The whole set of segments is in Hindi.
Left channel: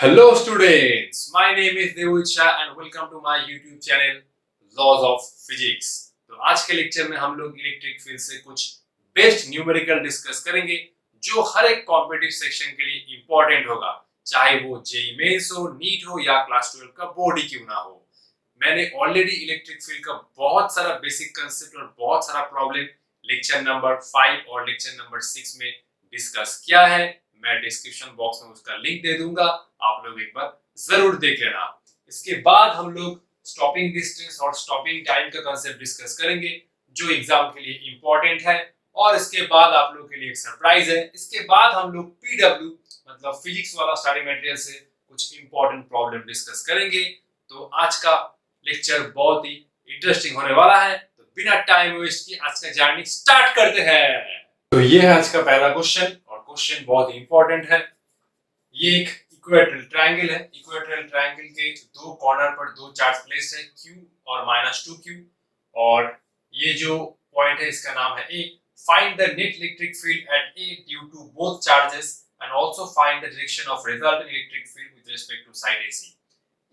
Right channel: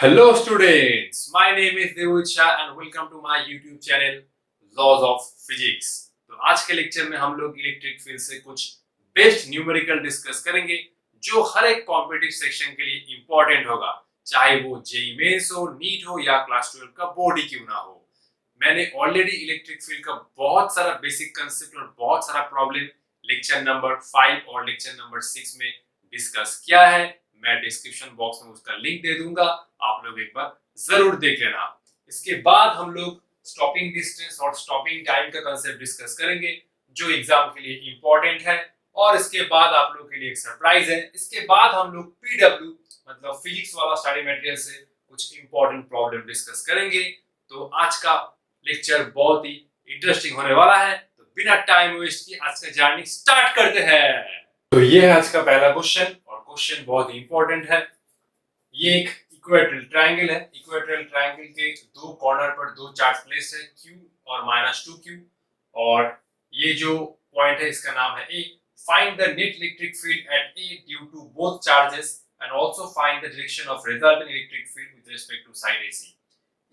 Hello students, my name is Devul Shah and welcome to my YouTube channel Laws of Physics। तो आज के लेक्चर में हम लोग इलेक्ट्रिक फील्ड से कुछ बेस्ट न्यूमेरिकल डिस्कस करेंगे जो हर एक कॉम्पिटिटिव सेक्शन के लिए इंपॉर्टेंट होगा, चाहे वो जेईई मेंस हो, नीट हो या क्लास 12 का बोर्ड ही क्यों ना हो। मैंने ऑलरेडी इलेक्ट्रिक फील्ड का बहुत सारा बेसिक कंसेप्ट और बहुत सारा प्रॉब्लम लेक्चर नंबर 5 और लेक्चर नंबर 6 में डिस्कस किया है। मैं डिस्क्रिप्शन बॉक्स में उसका लिंक दे दूंगा, आप लोग एक बार जरूर देख लेना। इसके बाद हम लोग स्टॉपिंग डिस्टेंस और स्टॉपिंग टाइम का कंसेप्ट डिस्कस करेंगे जो एग्जाम के लिए इंपॉर्टेंट है। और इसके बाद आप लोग के लिए एक सरप्राइज है। इसके बाद हम लोग पीडब्ल्यू मतलब फिजिक्स वाला स्टडी मटेरियल से कुछ इंपॉर्टेंट प्रॉब्लम डिस्कस करेंगे। तो आज का लेक्चर बहुत ही इंटरेस्टिंग होने वाला है, तो बिना टाइम वेस्ट किए आज का जर्नी स्टार्ट करते हैं। तो ये है आज का पहला क्वेश्चन और क्वेश्चन बहुत ही इंपॉर्टेंट है। ये एक इक्वेटोरियल ट्रायंगल है। इक्वेटोरियल ट्रायंगल के दो कॉर्नर पर दो चार्ज प्लेस है, Q और -2Q, और ये जो पॉइंट है इसका नाम है A। Find the net electric field at A due to both charges and also find the direction of resultant electric field with respect to side AC।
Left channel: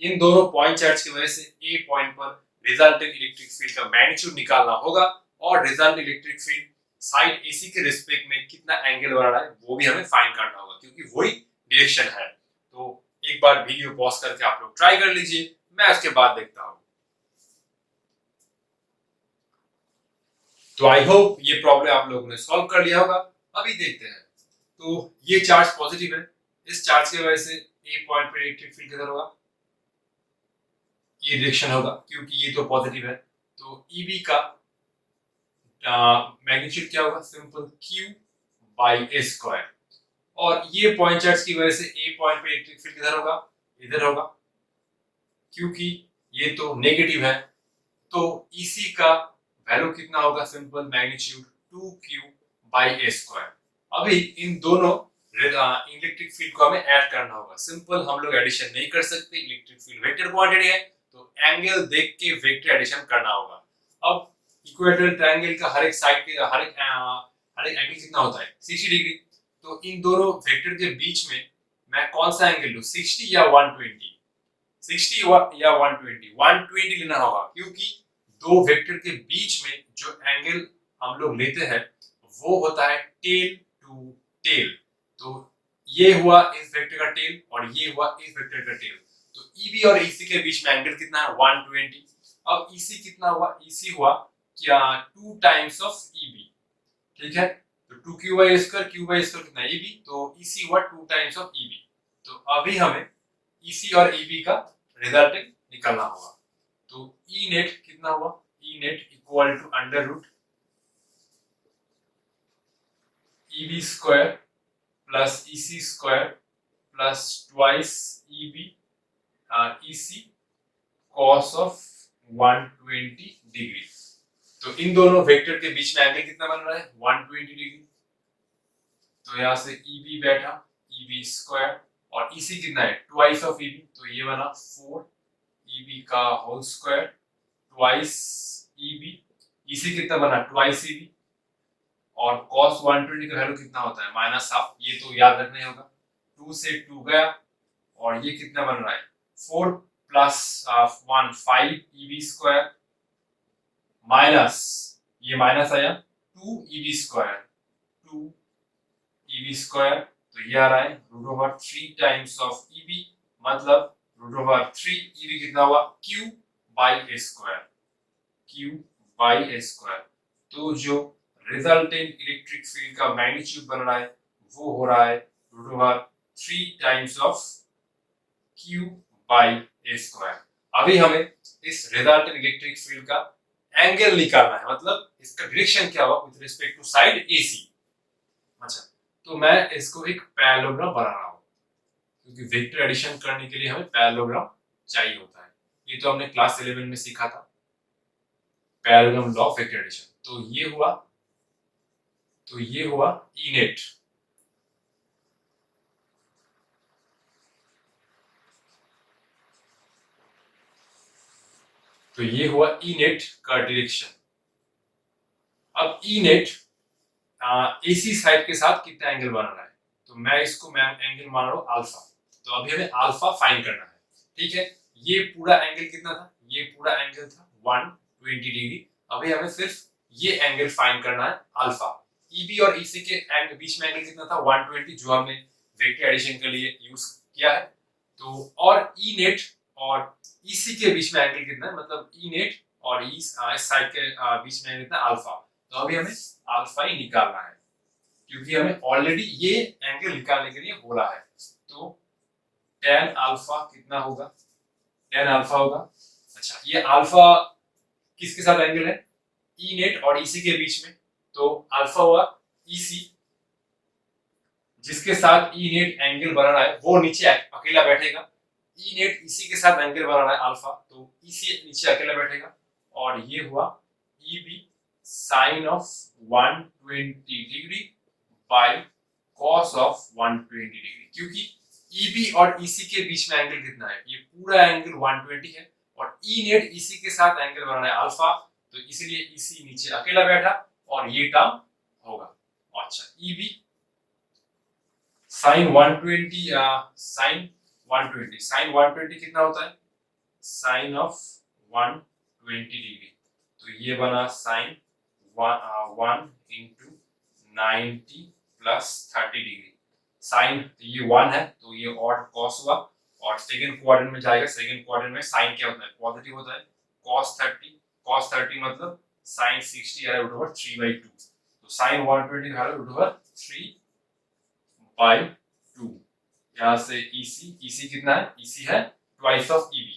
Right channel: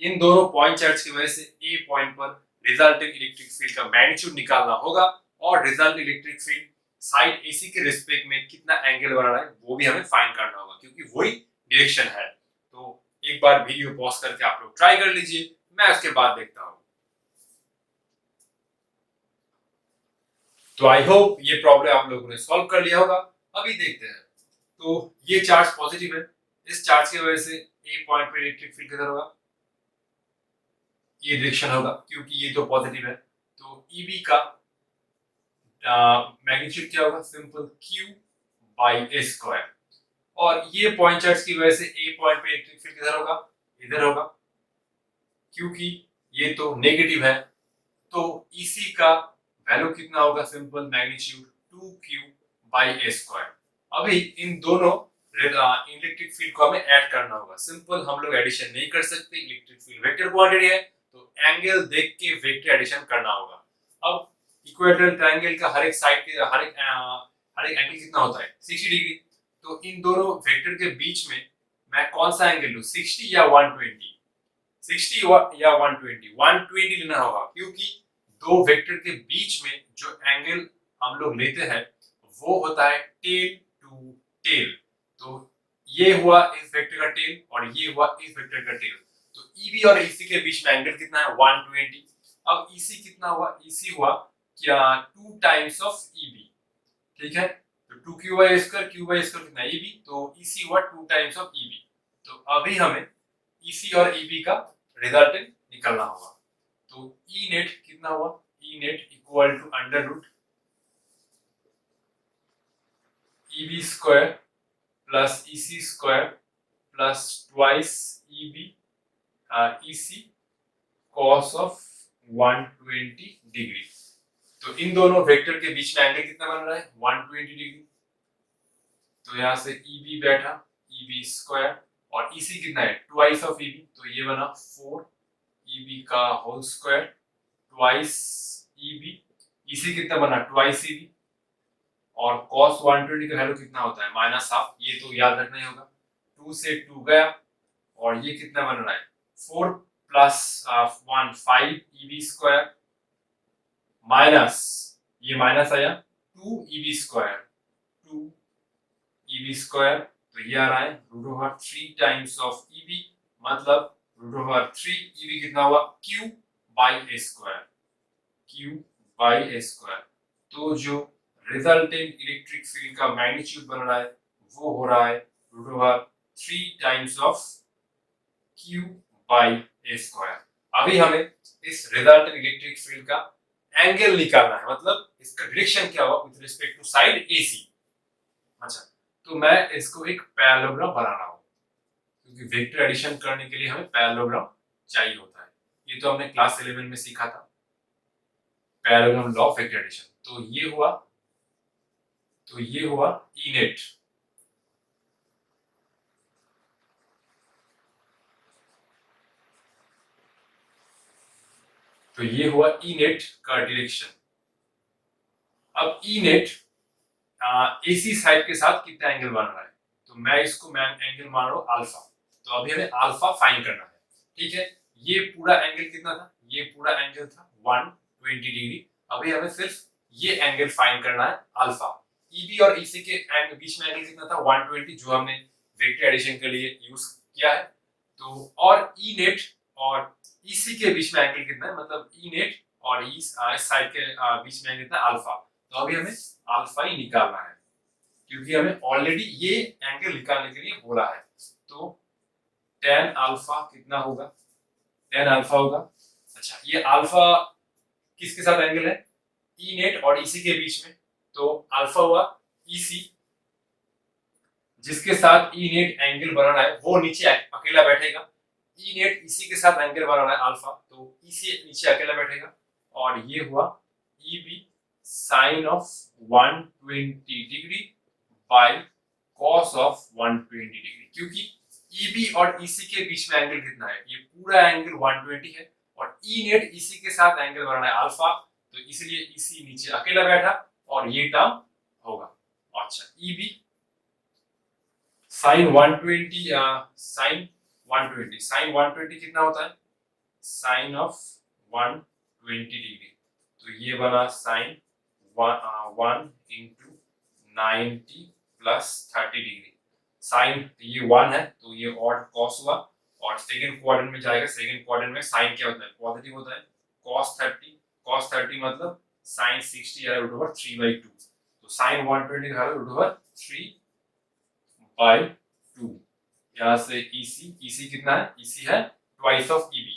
इन दोनों पॉइंट चार्ज की वजह से A पॉइंट पर रिजल्टेंट इलेक्ट्रिक फील्ड का मैग्नीट्यूड निकालना होगा और resultant electric field side AC के रिस्पेक्ट में कितना एंगल बना रहा है वो भी हमें फाइंड करना होगा, क्योंकि वही डायरेक्शन है। तो एक बार वीडियो पॉज करके आप लोग ट्राई कर लीजिए, मैं उसके बाद देखता हूं। तो आई होप ये प्रॉब्लम आप लोगों ने सॉल्व कर लिया होगा। अभी देखते हैं। तो ये चार्ज पॉजिटिव है, इस चार्ज की वजह से ए पॉइंट पर इलेक्ट्रिक फील्ड किधर होगा, ये डायरेक्शन होगा क्योंकि ये तो पॉजिटिव है। तो ईबी का मैग्नीट्यूड क्या होगा, सिंपल Q/A²। और ये पॉइंट चार्ज की वजह से ए पॉइंट पे इलेक्ट्रिक फील्ड किधर होगा, इधर होगा, क्योंकि ये तो नेगेटिव है। तो EC का वैल्यू कितना होगा, सिंपल मैग्नीट्यूड 2Q/A²। अभी इन दोनों इलेक्ट्रिक फील्ड को हमें ऐड करना होगा। सिंपल हम लोग एडिशन नहीं कर सकते, इलेक्ट्रिक फील्ड वेक्टर क्वांटिटी है, तो एंगल देख के वेक्टर एडिशन करना होगा। अब इक्वेटोरियल ट्रायंगल का हर एक साइड के हर एक एंगल कितना होता है, 60 डिग्री। तो इन दोनों वेक्टर के बीच में मैं कौन सा एंगल लूं, 60 या 120? 60 या 120? 120 लेना होगा, क्योंकि दो वेक्टर के बीच में जो एंगल हम लोग लेते हैं वो होता है टेल टू टेल। तो ये हुआ इस वेक्टर का टेल और ये हुआ इस वेक्टर का टेल। तो EB और EC के बीच में एंगल कितना है, 120। अब EC कितना हुआ, EC हुआ क्या 2 टाइम्स ऑफ EB, ठीक है। तो 2Q/A², Q/A² कितना है, EB, तो EC हुआ 2 टाइम्स ऑफ EB। तो अभी हमें EC और EB का रिजल्टेंट निकालना होगा। तो E नेट कितना हुआ, E net equal to under root EB² plus EC² plus twice EB EC cos of 120 degree. तो इन दोनों वेक्टर के बीच में एंगल कितना बन रहा है, 120 डिग्री। तो यहां से EB बैठा, EB² और EC कितना है, ट्वाइस ऑफ EB, तो ये बना 4 EB का whole square twice EB। EC कितना बना, ट्वाइस EB। और cos 120 का वैल्यू कितना होता है, -हाफ, ये तो याद रखना ही होगा। 2 से 2 गया और ये कितना बन रहा है, 4 प्लस 1 5 EB² माइनस ये माइनस आया 2 EB², 2 EB², तो ये आ रहा है √3 टाइम्स ऑफ EB, मतलब √3 EB कितना हुआ, Q/A², Q/A²। तो जो रिजल्टेंट इलेक्ट्रिक फील्ड का मैग्नीट्यूड बन रहा है वो हो रहा है √3 टाइम्स ऑफ Q/A²। अभी हमें इस रिजल्टेंट इलेक्ट्रिक फील्ड का एंगल निकालना है, मतलब इसका डायरेक्शन क्या होगा with respect to side AC। अच्छा, तो मैं इसको एक पैरेललोग्राम बना रहा हूं, क्योंकि वेक्टर एडिशन करने के लिए हमें पैरेललोग्राम चाहिए होता है। ये तो हमने क्लास 11 में सीखा था, parallelogram law of vector addition. तो ये हुआ E नेट। तो ये हुआ E नेट का डायरेक्शन। अब E नेट AC साइड के साथ कितना एंगल बन रहा है, तो मैं इसको एंगल मान रहा हूं अल्फा। तो अभी हमें अल्फा फाइंड करना है, ठीक है। ये पूरा एंगल कितना था, ये पूरा एंगल था 120 डिग्री। अभी हमें सिर्फ ये एंगल फाइंड करना है अल्फा। ईबी और ईसी के बीच में एंगल कितना था 120, जो हमने वेक्टर एडिशन के लिए यूज किया है। तो और ई नेट और ईसी के बीच में एंगल कितना है, मतलब ई नेट और इस साइड के बीच में एंगल कितना अल्फा। तो अभी हमें अल्फा ही निकालना है, क्योंकि हमें ऑलरेडी ये एंगल निकालने के लिए बोला है। तो tan अल्फा कितना होगा, tan अल्फा होगा, अच्छा ये अल्फा किसके साथ एंगल है, ई नेट और ईसी के बीच में। तो अल्फा हुआ ईसी, जिसके साथ ई नेट एंगल बनाना है वो नीचे अकेला बैठेगा। ई नेट ईसी के साथ एंगल बनाना है अल्फा, तो ईसी नीचे अकेला बैठेगा। और ये हुआ E B sine of 120 degree by cos of 120 degree, क्योंकि ई बी और ईसी के बीच में एंगल कितना है, ये पूरा एंगल 120 है और ई नेट ईसी के साथ एंगल बनाना है अल्फा, तो इसीलिए ईसी नीचे अकेला बैठा और ये टर्म होगा। अच्छा ई बी साइन 120 साइन 120 कितना होता है, साइन ऑफ 120 डिग्री, तो ये बना sine 1 into 90 plus 30 degree. Sine ये 1 है तो ये ऑड कॉस हुआ, और सेकंड क्वाड्रेंट में जाएगा। सेकंड क्वाड्रेंट में साइन क्या होता है, पॉजिटिव होता है। cos 30 मतलब साइन 60 है रूट ओवर 3/2, तो साइन 120 है रूट ओवर 3/2। यहां से EC कितना है, EC है ट्वाइस ऑफ EB।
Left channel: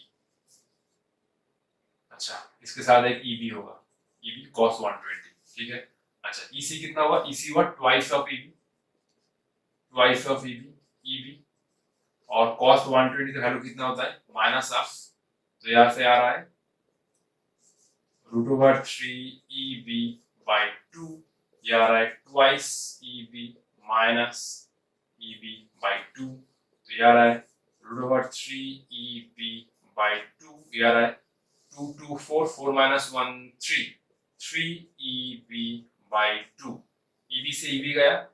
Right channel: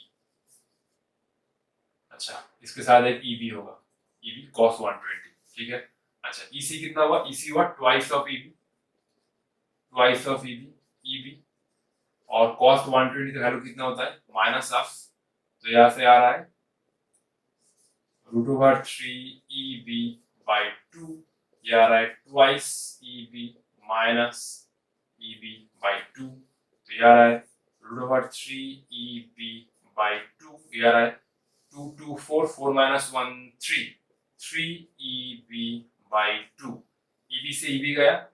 अच्छा इसके साथ एक EB होगा, EB cos 120, ठीक है। अच्छा EC कितना हुआ, EC हुआ twice of EB, twice of EB और cos 120 का वैल्यू कितना होता है माइनस ऑफ, तो यहां से आ रहा है रूट ओवर 3EB/2, ये आ रहा है ट्वाइस EB माइनस EB/2, तो ये आ रहा है रूट ओवर 3EB/2, ये आ रहा है 2 2 4 4 minus 1 3 3EB/2। EB से EB गया,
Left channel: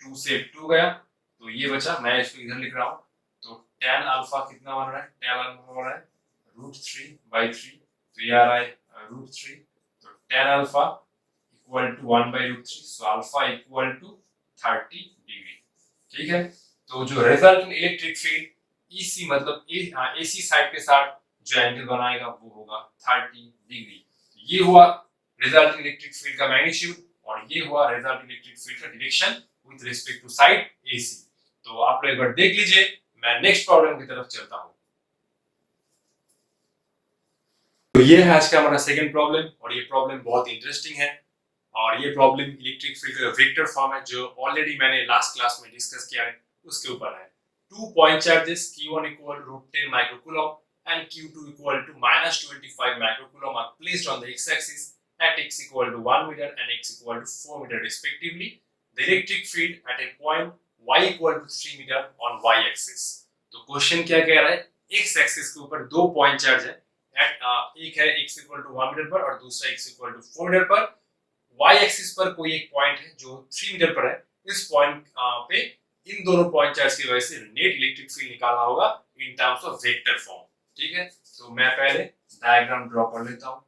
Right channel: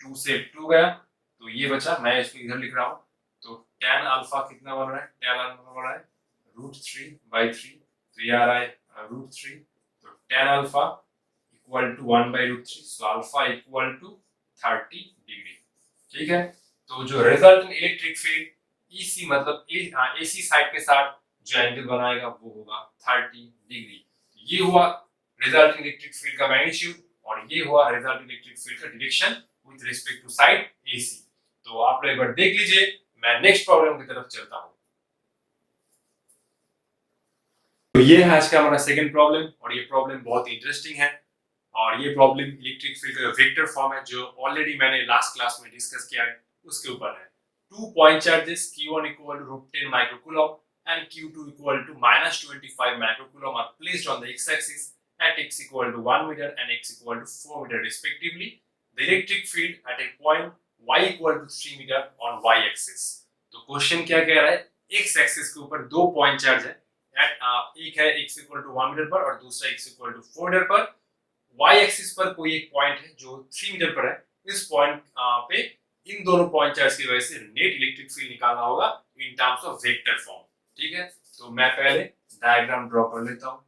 2 से 2 गया, तो ये बचा, मैं इसको इधर लिख रहा हूँ। तो tan अल्फा कितना बन रहा है, tan अल्फा बन रहा है रूट 3/3, तो ये आ रहा है रूट 3, तो tan alpha equal to 1/√3, so alpha equal to 30 degree, ठीक है। तो जो रिजल्टेंट इलेक्ट्रिक फील्ड EC मतलब AC साइड के साथ जो एंगल बनाएगा वो होगा 30 डिग्री। ये हुआ रिजल्टेंट इलेक्ट्रिक फील्ड का मैग्नीट्यूड, और ये हुआ रिजल्टेंट इलेक्ट्रिक फील्ड का direction with respect to side AC। तो आप लोग एक बार देख लीजिए, मैं नेक्स्ट प्रॉब्लम की तरफ चलता हूं। तो ये है आज का हमारा सेकंड प्रॉब्लम, और ये प्रॉब्लम बहुत इंटरेस्टिंग है। और ये प्रॉब्लम इलेक्ट्रिक फील्ड का वेक्टर फॉर्म है, जो ऑलरेडी मैंने लास्ट क्लास में डिस्कस किया है, उसके ऊपर है। 2 point charges Q1 equal to √10 microcoulomb and Q2 equal to -25 microcoulomb are placed on the x-axis at x equal to 1 meter and x equal to 4 meter respectively. The electric field at a point y equal to 3 meter on y-axis. तो क्वेश्चन क्या कह रहा है, x एक्सिस के ऊपर 2 पॉइंट चार्ज है, एक है x equal to 1 मीटर पर और दूसरा x equal to 4 मीटर पर। y एक्सिस पर कोई एक पॉइंट है जो 3 मीटर पर है। इस पॉइंट पे इन दोनों पॉइंट चार्ज की वजह से नेट इलेक्ट्रिक फील्ड निकालना होगा इन टर्म्स ऑफ वेक्टर फॉर्म, ठीक है। तो मैं पहले डायग्राम ड्रॉ कर लेता हूं।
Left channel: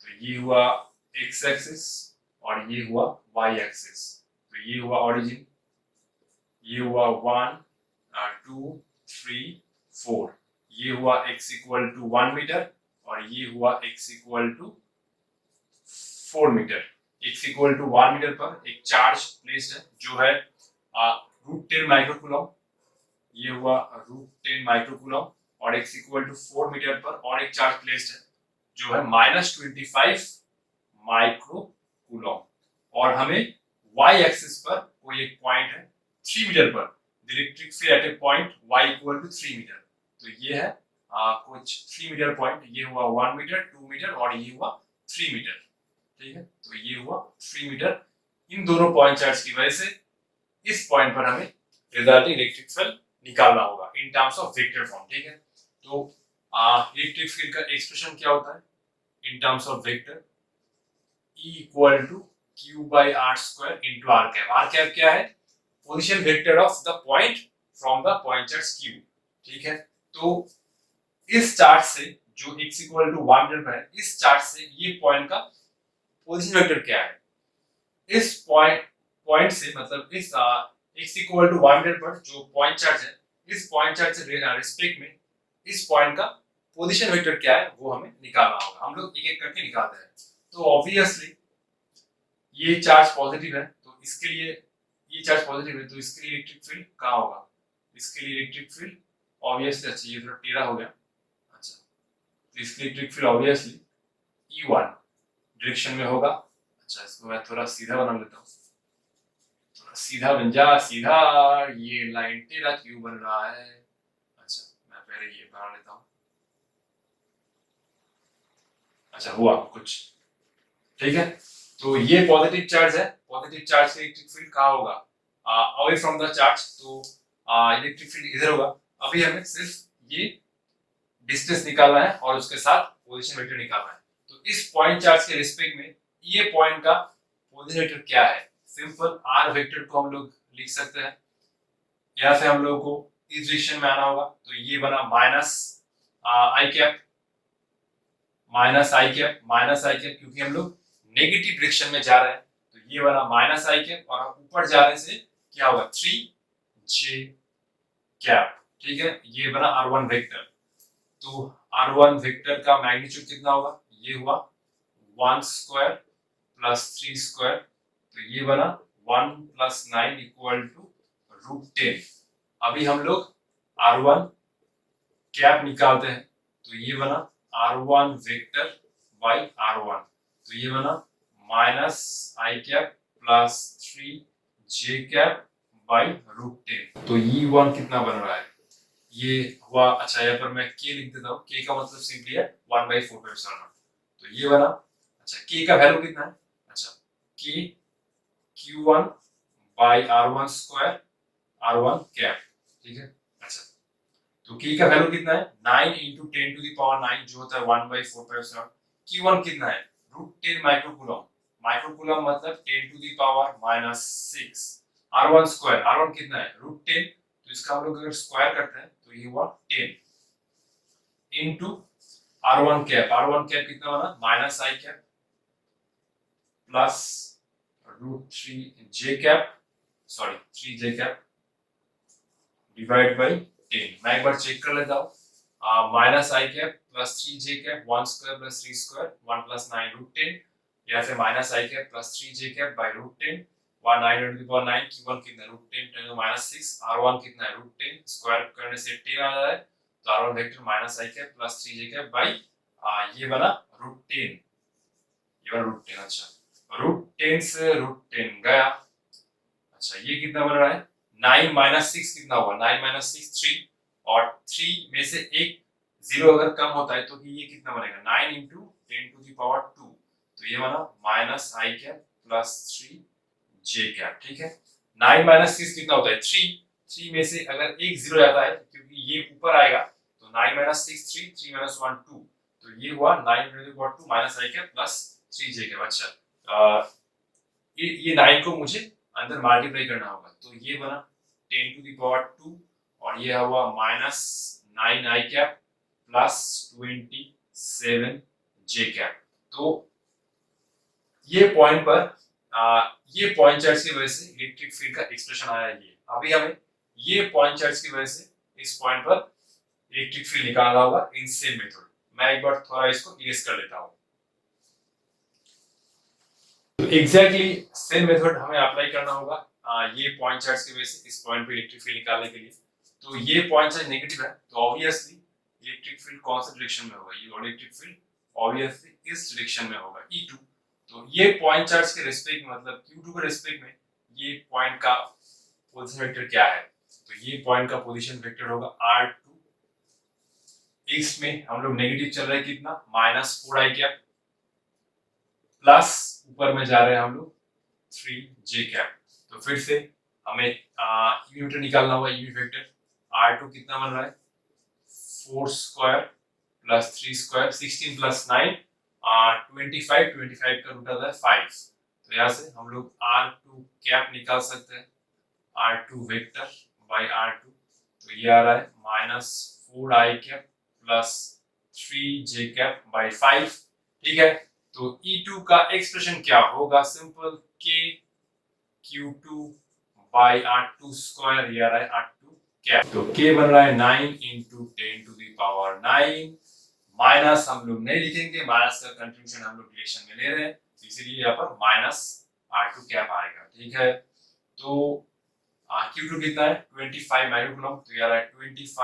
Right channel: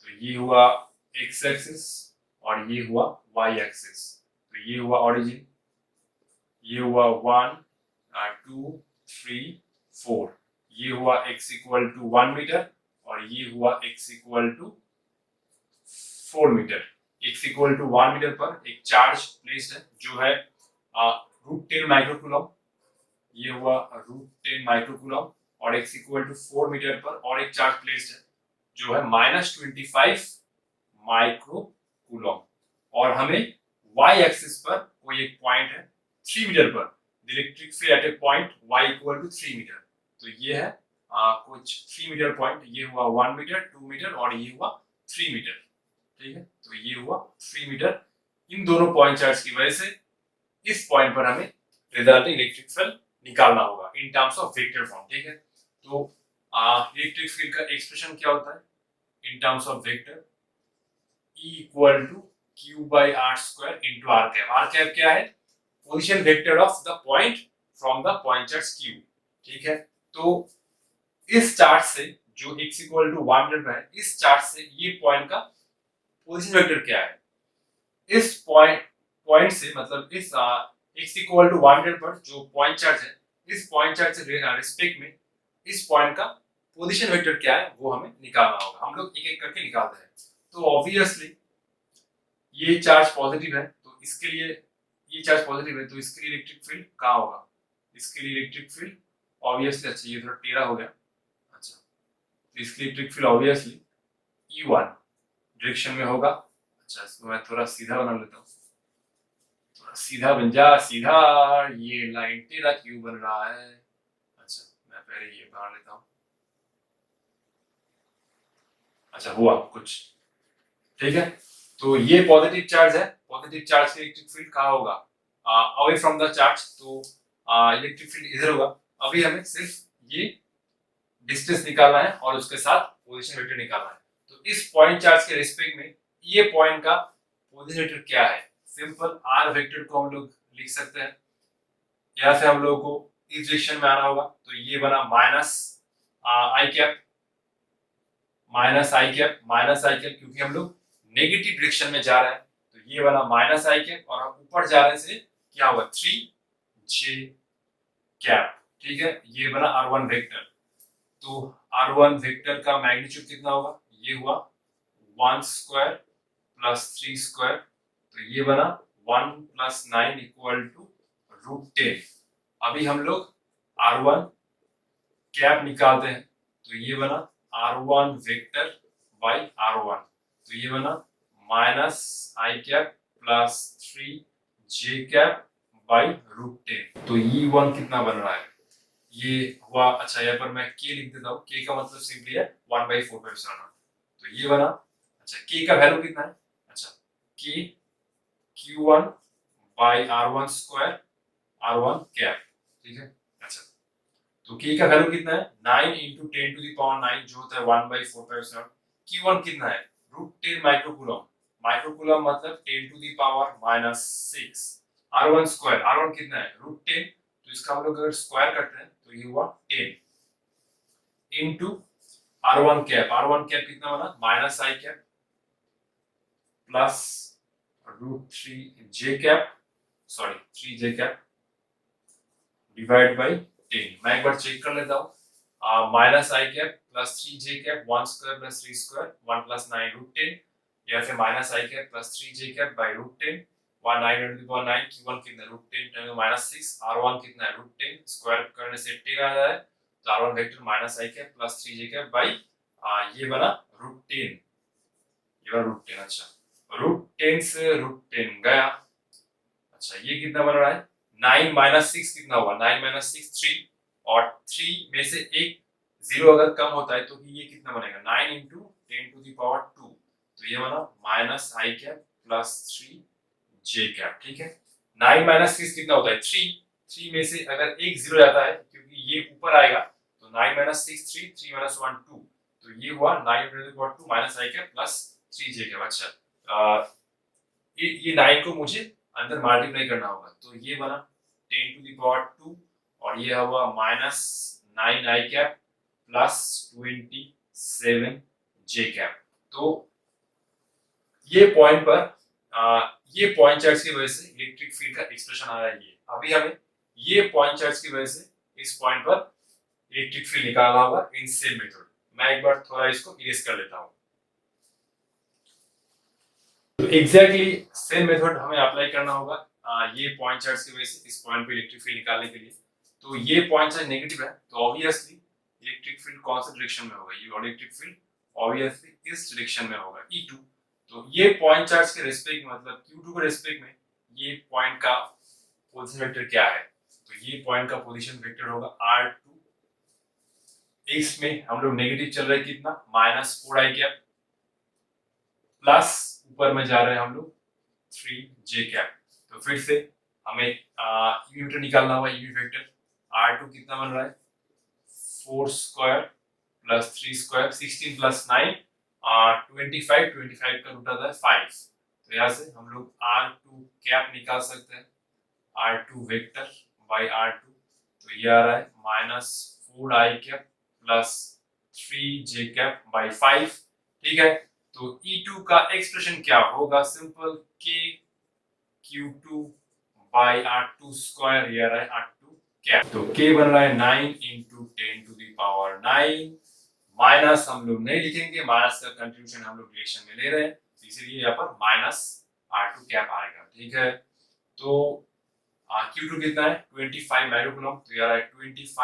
तो ये हुआ x एक्सिस और ये हुआ y एक्सिस। तो ये हुआ ओरिजिन, ये हुआ 1 2 3 4, ये हुआ x इक्वल टू 1 मीटर और ये हुआ x equal to 4 metre. x equal to 1 metre पर एक चार्ज प्लेस्ड है जो है √10 माइक्रोकूलम, ये हुआ √10 माइक्रोकूलम, और x इक्वल टू 4 मीटर पर और एक चार्ज प्लेस्ड है जो है -25 माइक्रोकूलम। और हमें y एक्सिस पर कोई एक पॉइंट है 3 मीटर पर, electric field at a point y equal to 3 metre. तो ये है कुछ 3 मीटर पॉइंट, ये हुआ 1 मीटर 2 मीटर और ये हुआ 3 मीटर, ठीक है। तो ये हुआ 3 मीटर। इन दोनों पॉइंट चार्ज की वजह से इस पॉइंट पर हमें रिजल्टिंग इलेक्ट्रिक फील्ड निकालना होगा इन टर्म्स ऑफ वेक्टर फॉर्म, ठीक है। तो इलेक्ट्रिक फील्ड का एक्सप्रेशन क्या होता है in terms of vector, E equal to Q/r² into r cap. r cap क्या है, position vector of the point from the point charge Q। ठीक है, तो इस चार्ज से जो x इक्वल टू 1 मीटर पर है, इस चार्ज से ये पॉइंट का पोजीशन वेक्टर क्या है, इस पॉइंट से मतलब इस x इक्वल टू 1 मीटर पर जो पॉइंट चार्ज है, इस पॉइंट चार्ज से रिस्पेक्ट में इस पॉइंट का पोजीशन वेक्टर क्या है वो हमें निकालना होगा। हम लोग एक एक करके निकालते हैं। तो ऑब्वियसली ये चार्ज पॉजिटिव है, तो इसके लिए ये चार्ज पॉजिटिव है, तो इसके लिए इलेक्ट्रिक फील्ड कहाँ होगा, इसके लिए इलेक्ट्रिक फील्ड ऑब्वियसली, अच्छा ये थोड़ा टेढ़ा हो गया, अच्छा तो इसके लिए electric field obviously E1 direction में होगा। अच्छा इसको मैं थोड़ा सीधा बना लेता हूँ, थोड़ा सीधा बन जा, सीधा, ये लाइन टेढ़ा क्यों बन रहा है। अच्छा मैं पहले ये बना लेता हूँ, अच्छा हुआ कुछ, ठीक है। तो ये पॉजिटिव चार्ज है, पॉजिटिव चार्ज से इलेक्ट्रिक फील्ड कहाँ होगा, अवे फ्रॉम द चार्ज, तो इलेक्ट्रिक फील्ड इधर होगा। अभी हमें सिर्फ ये डिस्टेंस निकालना है और उसके साथ पोजीशन वेक्टर निकालना है। तो इस पॉइंट चार्ज के रिस्पेक्ट में ये पॉइंट का पोजीशन वेक्टर क्या है, सिंपल आर वेक्टर को हम लोग लिख सकते हैं। यहाँ से हम लोगों को इस डायरेक्शन में आना होगा, तो ये बना माइनस आई कैप, माइनस आई कैप क्योंकि हम लोग नेगेटिव डायरेक्शन में जा रहे हैं, तो ये बना माइनस आई कैप, और हम ऊपर जा रहे से क्या होगा 3j कैप। ठीक है, ये बना r1 वेक्टर। तो r1 वेक्टर का मैग्नीट्यूड कितना होगा, ये हुआ 1 स्क्वायर प्लस 3 स्क्वायर, तो ये बना 1 प्लस 9 इक्वल टू √10। अभी हम लोग r1 कैप निकालते हैं, तो ये बना r1 वेक्टर बाई r1, तो ये बना minus I cap plus 3j cap by √10। तो E1 कितना बन रहा है, ये हुआ, अच्छा यहाँ पर मैं k लिख देता हूँ, k का मतलब सिंपली है 1/4π0। तो ये बना, अच्छा k का वैल्यू कितना है, अच्छा k Q1 by r1 square r1 cap. ठीक है, अच्छा तो k का वैल्यू कितना है 9 इंटू 10 टू द पावर 9 जो होता है 1/4π0। Q1 कितना है √10 माइक्रोकूलम, माइक्रोकूलम मतलब 10 to the power -6। r1 square, r1 कितना है √10, तो इसका हम लोग अगर स्क्वायर करते हैं तो ये हुआ 10 into r1 cap, r1 cap कितना बना minus I cap plus √3j cap, sorry 3j cap divide by 10। मैं एक बार चेक कर लेता हूँ, माइनस आई cap plus 3j cap 1 square plus 3 square 1 plus 9 √10, या फिर minus I cap plus 3j cap by √10 1 9 to the power 9, Q1 कितना है √10 10 -6, r1 कितना है √10 स्क्वायर करने से 10 आ जाए, तो r1 vector minus I cap plus 3j cap by ये बना √10, ये बना √10। अच्छा √10 से √10 गया, अच्छा ये कितना बन रहा है 9 -6 कितना हुआ 9 -6 3, और 3 में से एक जीरो अगर कम होता है तो ये कितना बनेगा 9 इंटू 10 टू द पावर 2, तो ये बना माइनस आई कैप प्लस 3j कैप। ठीक है, 9 -6 कितना होता है 3, 3 में से अगर एक जीरो जाता है क्योंकि ये ऊपर आएगा, तो 9 -6 3, 3 - 1 2, तो ये हुआ 9 to the power 2 minus I cap plus 3j cap. अच्छा ये 9 को मुझे अंदर मल्टीप्लाई करना होगा, तो ये बना 10 टू द पावर 2, और ये हुआ -9 आई कैप प्लस 27j कैप। तो ये पॉइंट पर ये पॉइंट चार्ज की वजह से इलेक्ट्रिक फील्ड का एक्सप्रेशन आया है। ये अभी हमें ये पॉइंट चार्ज की वजह से इस पॉइंट पर इलेक्ट्रिक फील्ड निकालना होगा इन सेम मेथड। मैं एक बार थोड़ा इसको इरेज कर लेता हूँ। तो एग्जैक्टली सेम मेथड हमें अप्लाई करना होगा ये पॉइंट चार्ज की वजह से इस पॉइंट पे इलेक्ट्रिक फील्ड निकालने के लिए। तो ये पॉइंट चार्ज नेगेटिव है, तो ऑब्वियसली इलेक्ट्रिक फील्ड कौन सा डायरेक्शन में होगा, ये इलेक्ट्रिक फील्ड ऑब्वियसली इस डायरेक्शन में होगा E2। तो ये पॉइंट चार्ज के रिस्पेक्ट में मतलब Q2 के रिस्पेक्ट में ये पॉइंट का पोजीशन वेक्टर क्या है, तो ये पॉइंट का पोजीशन वेक्टर होगा R2। x में हम लोग नेगेटिव चल रहे हैं कितना -4 आई कैप, प्लस ऊपर में जा रहे हैं हम लोग 3j कैप। तो फिर से हमें यूनिट वेक्टर निकालना होगा। यूनिट वेक्टर R2 कितना बन रहा है 4 स्क्वायर प्लस 3 स्क्वायर 16 प्लस 9 25, 25 का रूट आता है 5, तो यहाँ से हम लोग R2 कैप निकाल सकते हैं, R2 वेक्टर बाई R2 तो ये आ रहा है -4i कैप प्लस 3j कैप/5। ठीक है, तो E2 का एक्सप्रेशन क्या होगा? सिंपल k Q2/R2 स्क्वायर, ये आ रहा है R2 कैप। तो k बन रहा है 9 × 10⁹ माइनस हम लोग नहीं लिखेंगे, माइनस का कंट्रीब्यूशन हम लोग रिलेशन में ले रहे हैं, तो इसीलिए यहाँ पर -R2 कैप आएगा। ठीक है, तो Q2 कितना है? 25 माइक्रोकूलम, तो ये आ रहा है 25 ×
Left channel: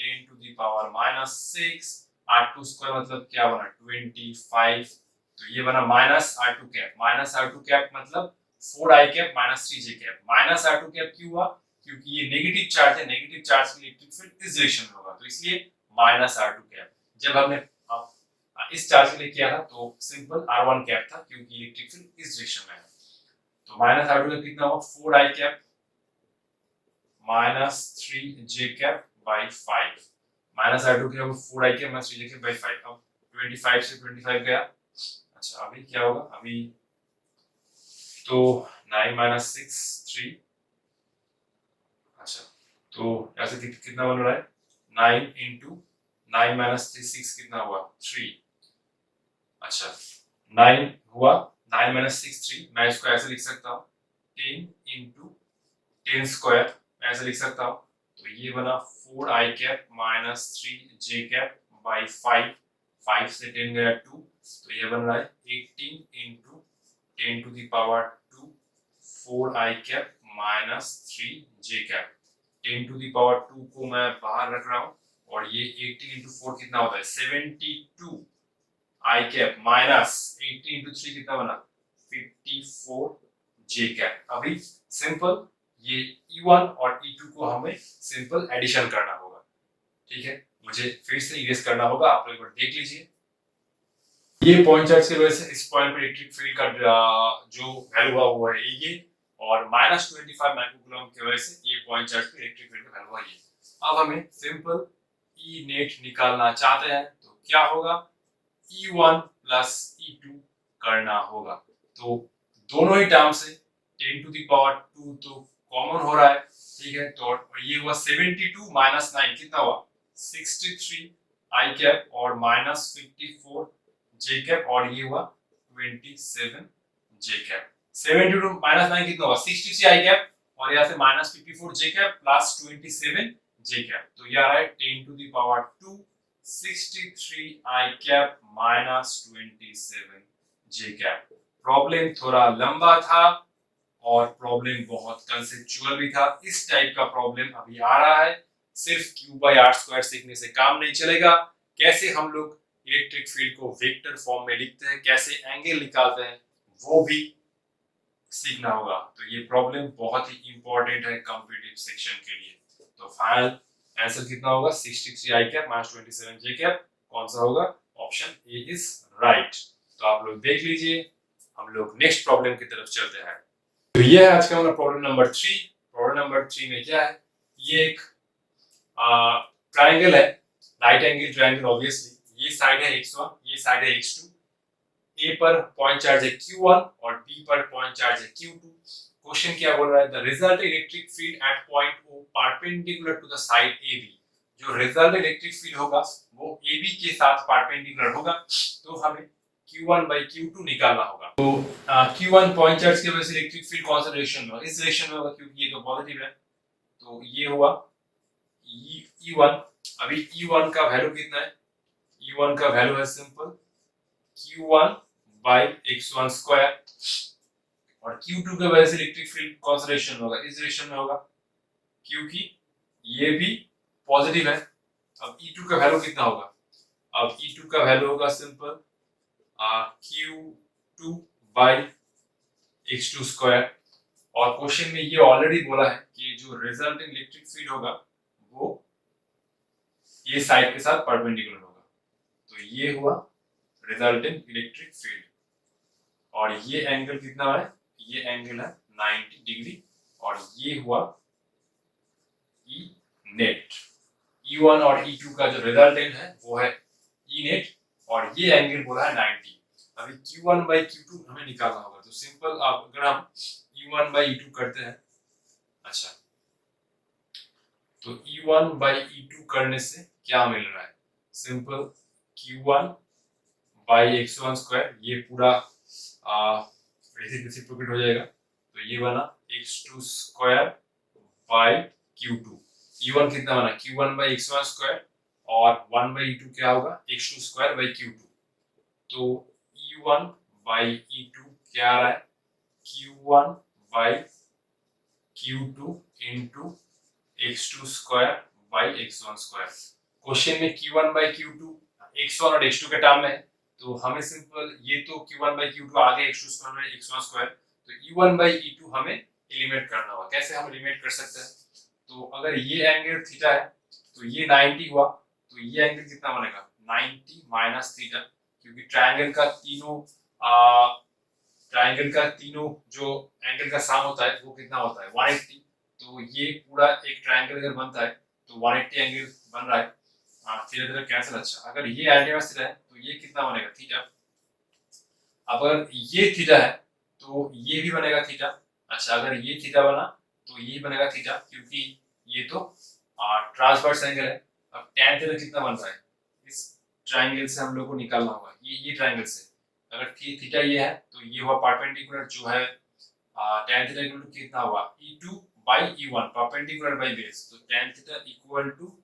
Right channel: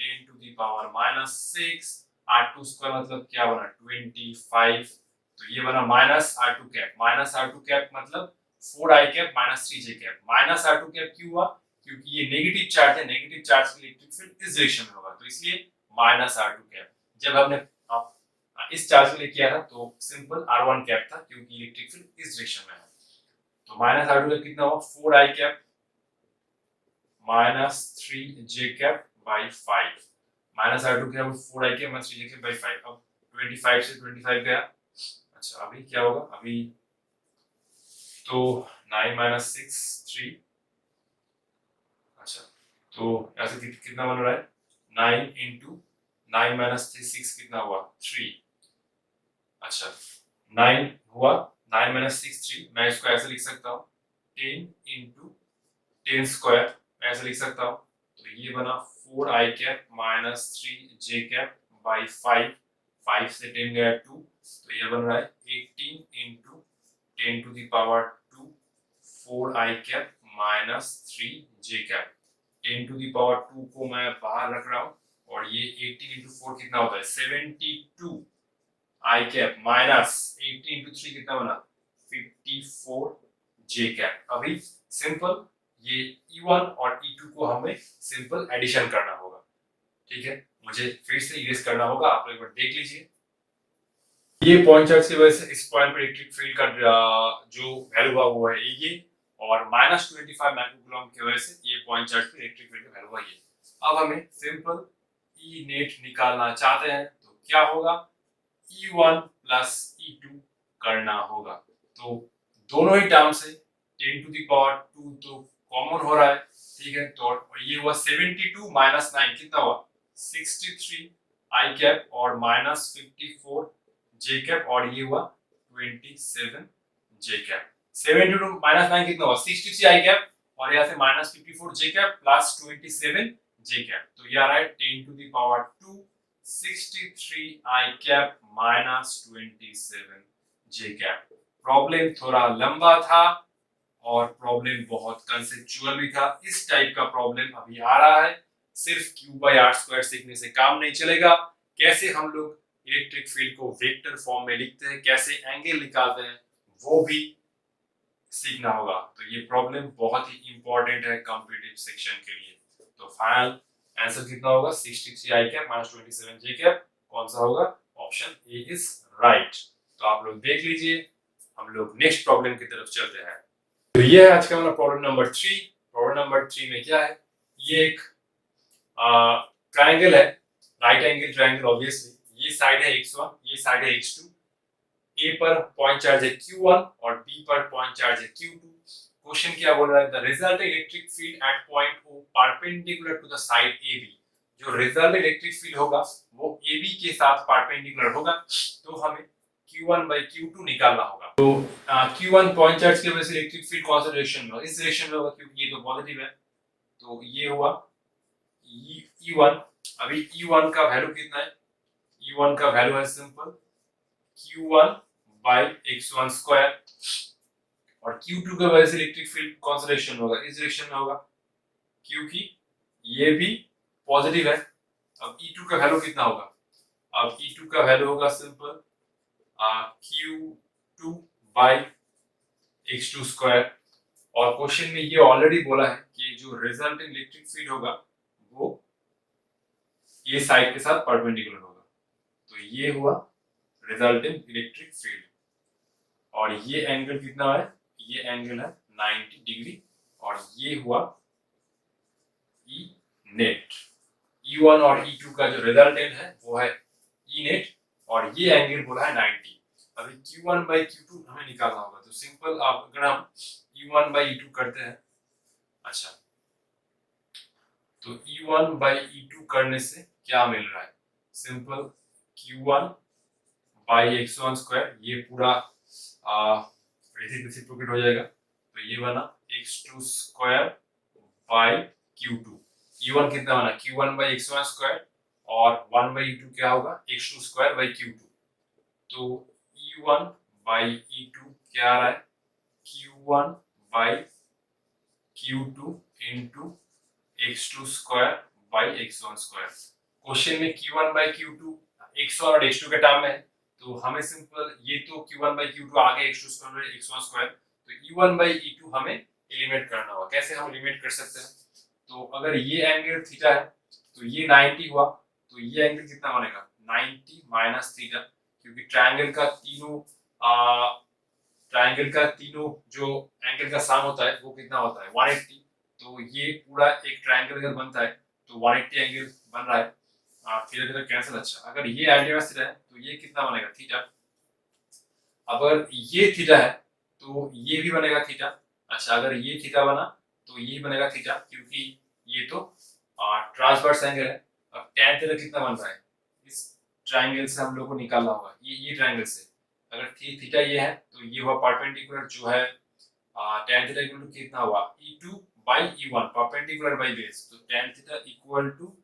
10⁻⁻6। R2 स्क्वायर मतलब क्या बना? 25। तो ये बना -R2 कैप। -R2 कैप मतलब 4i cap minus 3j cap. -R2 cap क्यों हुआ? क्योंकि ये नेगेटिव चार्ज है, नेगेटिव चार्ज के इलेक्ट्रिक फील्ड इस डायरेक्शन में होगा, तो इसलिए -R2 कैप। जब हमने इस चार्ज के लिए किया था तो सिंपल R1 कैप था, क्योंकि इलेक्ट्रिक फील्ड इस डायरेक्शन में है। तो -R2 कैप कितना हुआ? 4i cap minus 3j कैप/5। -R2 cap 4i cap minus 3j कैप/5। अब 25 से 25 गया। अच्छा, अभी क्या होगा? अभी तो 9 - 6 3। अच्छा, तो यहाँ से कितना बन रहा है? 9 × 9 - 6 कितना हुआ? 3। अच्छा, 9 हुआ, 9 - 6 3। मैं इसको ऐसे लिख सकता हूँ 10 × 10 स्क्वायर, ऐसे लिख सकता हूँ। तो ये बना 4i कैप माइनस 3j कैप/5। 5 से 10 गया 2, तो ये बन रहा है 18 × 10⁻²। 4i cap minus 3j cap. 10⁻² को मैं बाहर रख रहा हूँ, और ये 18 × 4 कितना होता है? 72 i कैप माइनस 18 × 3 कितना बना? 54 j कैप। अभी सिंपल ये E1 और E2 को हमें सिंपल एडिशन करना होगा। ठीक है, मुझे फिर से इरेज करना होगा, आप लोग एक बार देख लीजिए। ये पॉइंट चार्ज की वजह से इस पॉइंट पर इलेक्ट्रिक फील्ड का जो वैल्यू हुआ वो है ये, और -25 माइक्रोकूलम की वजह से ये पॉइंट चार्ज पे इलेक्ट्रिक फील्ड का वैल्यू हुआ ये। अब हमें सिंपल E नेट निकालना चाहते हैं, तो क्या होगा? E1 प्लस E2 करना होगा। तो दोनों ही टर्म से 10⁻² तो कॉमन हो रहा है। ठीक है, तो ये हुआ 72 - 9 कितना हुआ? 63 i कैप और -54 j कैप, और ये हुआ 27 j कैप। 72 - 9 कितना हुआ? 63 i कैप, और यहाँ से -54 j cap plus 27 j cap, तो ये आ रहा है 10⁻²। 63 i cap minus 27 j cap. Problem थोड़ा लंबा था और प्रॉब्लम बहुत कंसेप्चुअल भी था। इस टाइप का प्रॉब्लम अभी आ रहा है। सिर्फ Q/R² सीखने से काम नहीं चलेगा। कैसे हम लोग इलेक्ट्रिक फील्ड को वेक्टर फॉर्म में लिखते हैं, कैसे एंगल निकालते हैं, वो भी सीखना होगा। तो ये प्रॉब्लम बहुत ही इंपॉर्टेंट है कॉम्पिटिटिव सेक्शन के लिए। तो फाइनल आंसर कितना होगा? 63 i cap minus 27 j cap. कौन सा होगा? Option A is right. तो आप लोग देख लीजिए, हम लोग नेक्स्ट प्रॉब्लम की तरफ चलते हैं। तो ये है आज का हमारा प्रॉब्लम नंबर 3। प्रॉब्लम नंबर 3 में क्या है? ये एक ट्रायंगल है, राइट एंगल ट्रायंगल। ऑब्वियसली ये साइड है x1, ये साइड है x2। ए पर पॉइंट चार्ज है q1 और बी पर पॉइंट चार्ज है q2। क्वेश्चन क्या बोल रहा है? The result electric field at point O perpendicular to the side AB। जो रिजल्ट इलेक्ट्रिक फील्ड होगा वो AB के साथ परपेंडिकुलर होगा, तो हमें Q1/Q2 निकालना होगा। तो Q1 पॉइंट चार्ज की वजह से इलेक्ट्रिक फील्ड कौन सा डायरेक्शन में होगा? इस डायरेक्शन में होगा, क्योंकि ये तो पॉजिटिव है। तो ये हुआ E1। अभी E1 का वैल्यू कितना है? E1 का वैल्यू है सिंपल Q1/x1 स्क्वायर, और Q2 की वजह से इलेक्ट्रिक फील्ड कौन सा डायरेक्शन में होगा? इस डायरेक्शन में होगा, क्योंकि ये भी पॉजिटिव है। अब E2 का वैल्यू कितना होगा? अब E2 का वैल्यू होगा सिंपल Q2/x2 स्क्वायर। और क्वेश्चन में ये ऑलरेडी बोला है कि जो रिजल्टिंग इलेक्ट्रिक फील्ड होगा वो ये साइड के साथ परपेंडिकुलर होगा। तो ये हुआ रिजल्टिंग इलेक्ट्रिक फील्ड, और ये एंगल कितना है? ये एंगल है 90 डिग्री, और ये हुआ E नेट। E1 और E2 का जो रिजल्टेंट है वो है E नेट, और ये एंगल बोला है 90। अभी Q1/Q2 हमें निकालना होगा। तो सिंपल अगर हम E1/E2 करते हैं, अच्छा, तो E1 बाई E2 करने से क्या मिल रहा है? Simple Q1 by x1 square, ये पूरा रेसिप्रोकेट हो जाएगा, तो ये बना x2 square by Q2। E1 कितना बना? Q1 बाई x1 स्क्वायर, और 1 बाई E2 क्या होगा? x2 square by Q2। तो E1 बाई E2 क्या आ रहा है? Q1 by Q2 into x2 square by x1 square. Question में Q1 बाई Q2 x1 और x2 के टर्म में है, तो हमें सिंपल ये तो Q1 बाई Q2 आ गया x2 square by x1 square, तो E1 बाई E2 हमें एलिमिनेट करना होगा। कैसे हम एलिमिनेट कर सकते हैं? तो अगर ये एंगल थीटा है तो ये 90 हुआ, तो ये एंगल कितना बनेगा? 90 माइनस थीटा, क्योंकि ट्रायंगल का तीनों जो एंगल का सम होता है वो कितना होता है? 180। तो ये पूरा एक ट्रायंगल अगर बनता है तो 180 एंगल बन रहा है। धीरे धीरे कैंसिल। अच्छा, अगर ये एल्जेब्रा थीटा है तो ये कितना बनेगा? थीटा। अगर ये थीटा है तो ये भी बनेगा थीटा। अच्छा, अगर ये थीटा बना तो ये बनेगा थीटा, क्योंकि ये तो ट्रांसवर्स एंगल है। अब tan थीटा कितना बन रहा है? इस ट्रायंगल से हम लोग को निकालना होगा, ये ट्रायंगल से। अगर थीटा ये है तो ये हुआ परपेंडिकुलर जो है tan थीटा इक्वल टू कितना हुआ? E2 by E1, perpendicular by base, तो tan theta equal to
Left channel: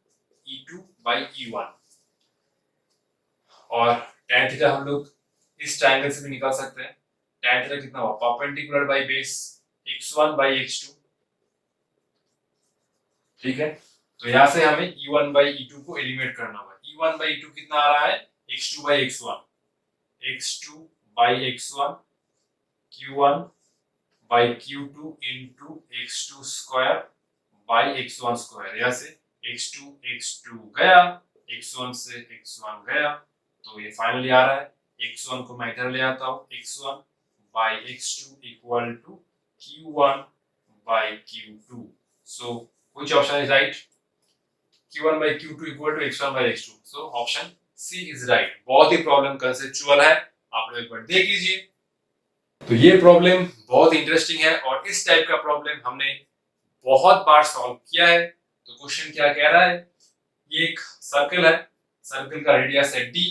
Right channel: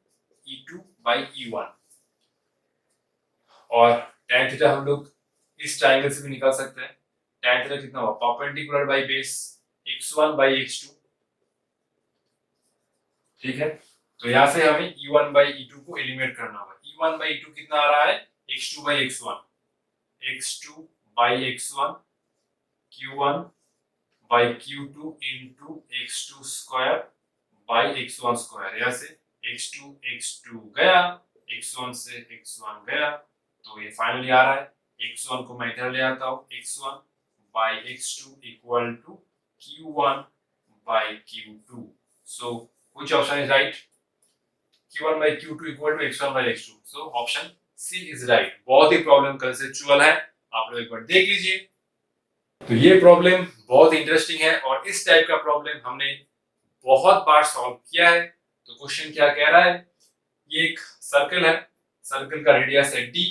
E2 by E1। और tan थीटा हम लोग इस ट्रायंगल से भी निकाल सकते हैं। tan थीटा कितना हुआ? Perpendicular by base x1 by x2। ठीक है, तो यहां से हमें E1 बाई E2 को एलिमिनेट करना होगा। E1 बाई E2 कितना आ रहा है? x2 by x1, x2 by x1 Q1 by Q2 into x2 square by x1 square. यहाँ से x2 गया, x1 से x1 गया, तो ये फाइनली आ रहा है। x1 को मैं इधर ले आता हूँ, x1 by x2 equal to Q1 by Q2। So which option is right? Q1 by Q2 equal to x1 by x2. So option C is right. बहुत ही प्रॉब्लम कंसेप्चुअल है, आप लोग एक बार देख लीजिए। तो ये प्रॉब्लम बहुत इंटरेस्टिंग है और इस टाइप का प्रॉब्लम हमने बहुत बार सॉल्व किया है। तो क्वेश्चन क्या कह रहा है? ये एक सर्कल है, सर्कल का रेडियस है d,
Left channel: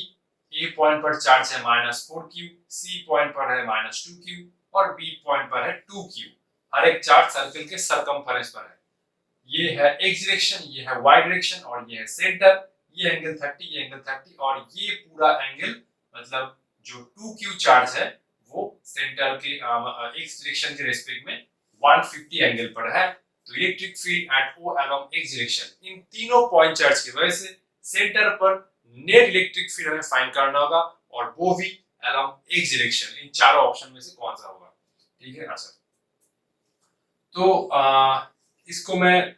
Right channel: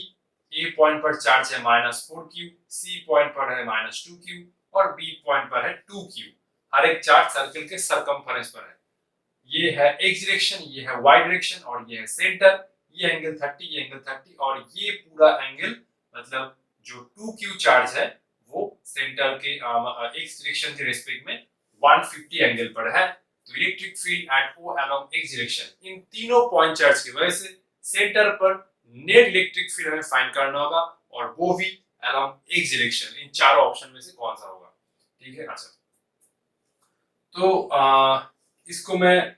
A पॉइंट पर चार्ज है -4q, C पॉइंट पर है -2q और B पॉइंट पर है 2q। हर एक चार्ज सर्कल के सरकमफेरेंस पर है। ये है x डायरेक्शन, ये है y डायरेक्शन और ये है सेंटर। ये एंगल 30, ये एंगल 30 और ये पूरा एंगल मतलब जो 2q चार्ज है वो सेंटर के x डायरेक्शन के रेस्पेक्ट में 150 एंगल पर है। तो electric field at O along x direction, इन तीनों पॉइंट चार्ज की वजह से सेंटर पर नेट इलेक्ट्रिक फील्ड हमें फाइंड करना होगा, और वो भी अलोंग x डायरेक्शन। इन चारों ऑप्शन में से कौन सा होगा? ठीक है। अच्छा, तो इसको मैं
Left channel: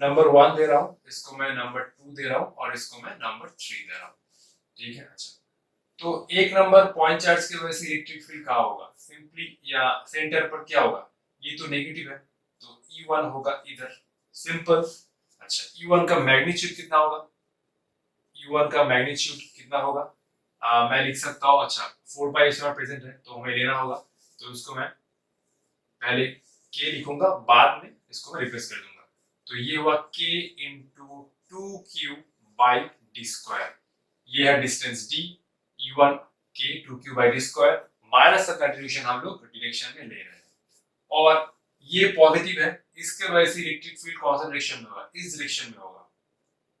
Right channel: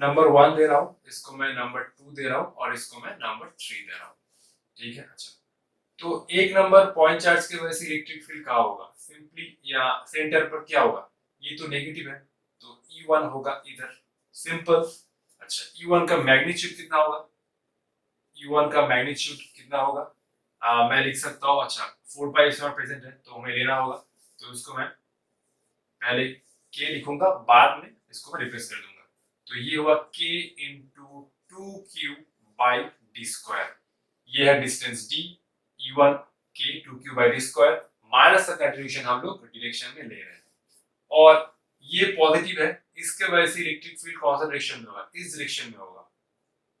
नंबर 1 दे रहा हूं, इसको मैं नंबर 2 दे रहा हूं और इसको मैं नंबर 3 दे रहा हूं। ठीक है। अच्छा, तो एक नंबर पॉइंट चार्ज की वजह से इलेक्ट्रिक फील्ड कहाँ होगा? सिंपली या सेंटर पर क्या होगा? ये तो नेगेटिव है, तो E1 होगा इधर, सिंपल। अच्छा, E1 का मैग्नीट्यूड कितना होगा? E1 का मैग्नीट्यूड कितना होगा? मैं लिख सकता हूँ। अच्छा, 4 पाई एप्सिलॉन प्रेजेंट है तो हमें लेना होगा, तो इसको मैं पहले k लिखूंगा, बाद में इसको मैं रिप्लेस कर दूंगा। तो ये हुआ k into 2q by D square. ये है distance d, E1 k 2q by D square, minus का कंट्रीब्यूशन हम लोग डायरेक्शन में ले रहे हैं, और ये पॉजिटिव है, इसके वजह से इलेक्ट्रिक फील्ड कौन सा डायरेक्शन में होगा? इस डायरेक्शन में होगा।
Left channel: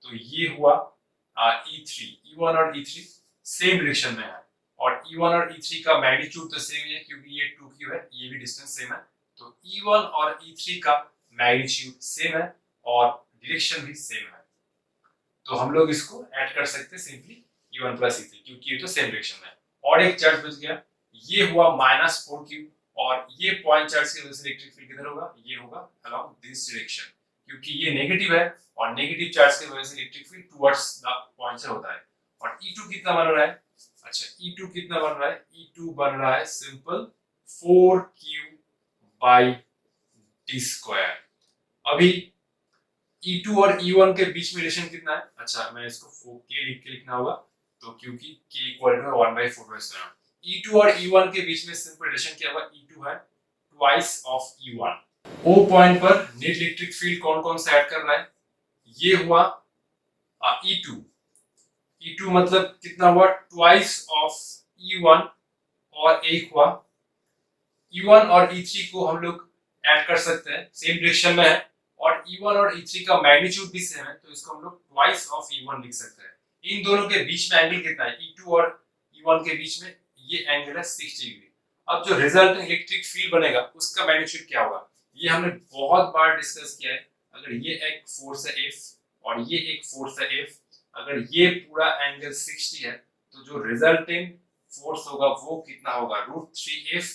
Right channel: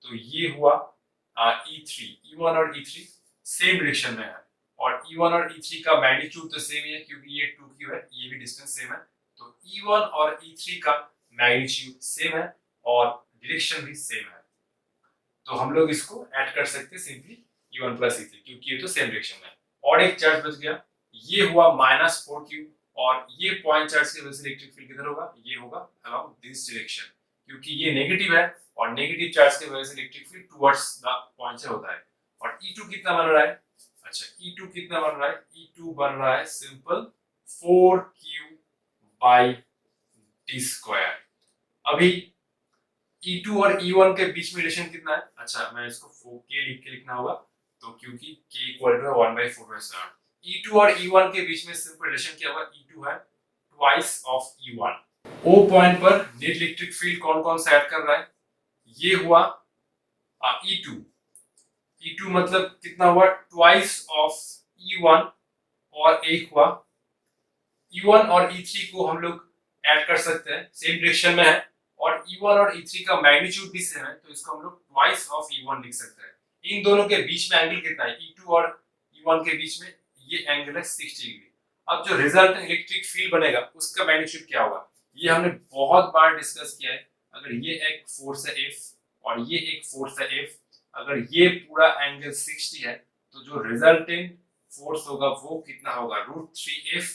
तो ये हुआ E3, E1 और E3 सेम डायरेक्शन में है, और E1 और E3 का मैग्नीट्यूड तो सेम ही है क्योंकि ये 2q है, ये भी डिस्टेंस सेम है। तो E1 और E3 का मैग्नीट्यूड सेम है और डायरेक्शन भी सेम है, तो हम लोग इसको ऐड कर सकते हैं सिंपली E1 प्लस E3, क्योंकि ये तो सेम डायरेक्शन में है। और एक चार्ज बच गया, ये हुआ -4q, और ये पॉइंट चार्ज की वजह से इलेक्ट्रिक फील्ड किधर होगा? ये होगा अलोंग दिस डायरेक्शन, क्योंकि ये नेगेटिव है और नेगेटिव चार्ज की वजह से electric field towards the point से होता है। और E2 कितना बन रहा है? अच्छा, E2 कितना बन रहा है? E2 बन रहा है simple 4q by D square. अभी E2 और E1 के बीच में रिलेशन कितना है? अच्छा, मैं इसको 4k लिख के लिखना होगा, तो क्योंकि k इक्वल टू 1/4। E2 और E1 के बीच में सिंपल रिलेशन क्या होगा? E2 है twice of E1, O point पर नेट इलेक्ट्रिक फील्ड कौन कौन सा ऐड कर रहा है, ये हुआ E2। E2 मतलब कितना हुआ, ट्वाइस ऑफ E1, और एक हुआ E1 और E3 को हम लोग ऐड कर सकते हैं, सेम डायरेक्शन में है, और E1 और E3 का मैग्नीट्यूड भी सेम है, तो इसको हम लोग ट्वाइस ऑफ E1 लिख सकते हैं। इन दोनों के बीच में एंगल कितना है, E2 और E1 के बीच में ये एंगल है 60 डिग्री। अब जो रिजल्ट इलेक्ट्रिक फील्ड बनेगा उसका मैग्नीट्यूड क्या होगा, ये हमने बहुत बार डिस्कस किया है। अगर ये एक फोर्स है F और ये एक फोर्स है F, अगर ये पूरा एंगल 60 है तो जो रिजल्टेंट फोर्स होगा वो कितना होगा, √3F।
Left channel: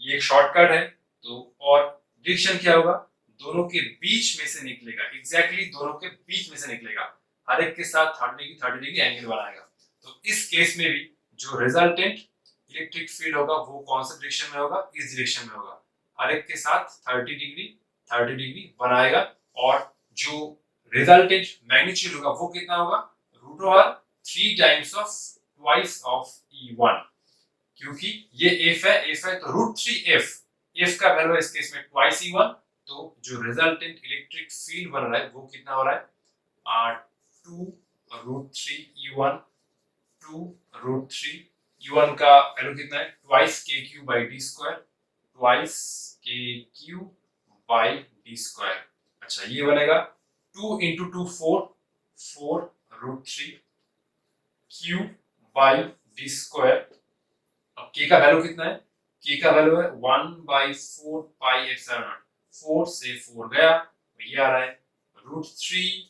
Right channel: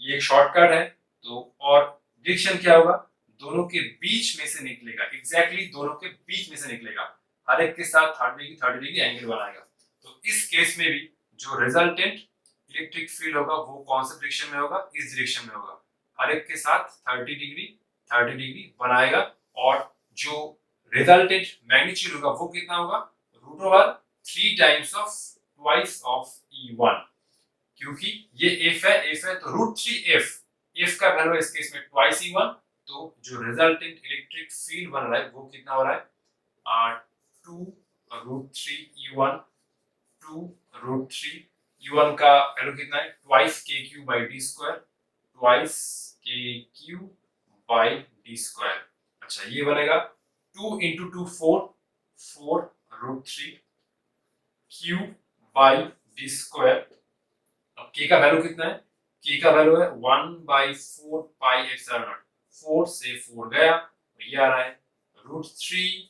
ये एक शॉर्टकट है, तो और डिरेक्शन क्या होगा, दोनों के बीच में से निकलेगा, एग्जैक्टली दोनों के बीच में से निकलेगा, हर एक के साथ 30 डिग्री एंगल बनाएगा। तो इस केस में भी जो रिजल्टेंट इलेक्ट्रिक फील्ड होगा वो कौन सा डायरेक्शन में होगा, इस डायरेक्शन में होगा, हर एक के साथ 30 डिग्री बनाएगा। और जो रिजल्टेंट मैग्नीट्यूड होगा वो कितना होगा, √3 times of twice of E1, क्योंकि ये F है तो √3F, F का वैल्यू इस केस में ट्वाइस E1, तो जो रिजल्टेंट इलेक्ट्रिक फील्ड बन रहा है वो कितना हो रहा है, 2√3E1, 2√3E1 का वैल्यू कितना है, ट्वाइस KQ/d², ट्वाइस KQ/d²। अच्छा ये बनेगा 2 into 2 4, 4√3 Q/d²। अब k का वैल्यू कितना है, k का वैल्यू है 1/4 पाई एप्सिलॉन नॉट, 4 से 4 गया तो ये आ रहा है √3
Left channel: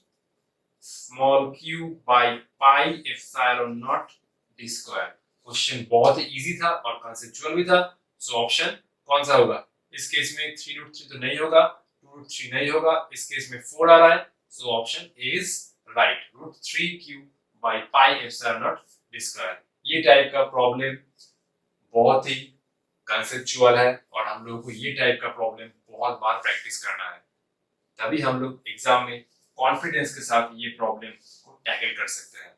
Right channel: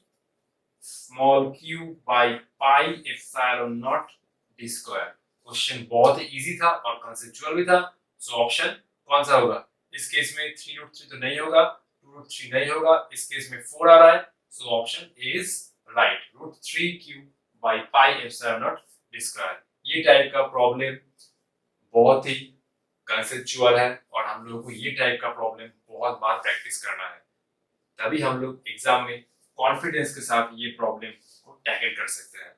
small q by pi epsilon not d²। Question बहुत ही इजी था और कंसेप्चुअल भी था, सो ऑप्शन कौन सा होगा, इस केस में 3√3 तो नहीं होगा, 2√3 नहीं होगा, इस केस में 4 आ रहा है, so option is right, √3q by pi epsilon not d²। ये टाइप का प्रॉब्लम बहुत ही कंसेप्चुअल है और हम लोगों को ये टाइप का प्रॉब्लम बहुत बार प्रैक्टिस करना है, तभी हम लोग एग्जाम में कॉन्फिडेंस के साथ ये प्रॉब्लम को टैकल कर सकते हैं।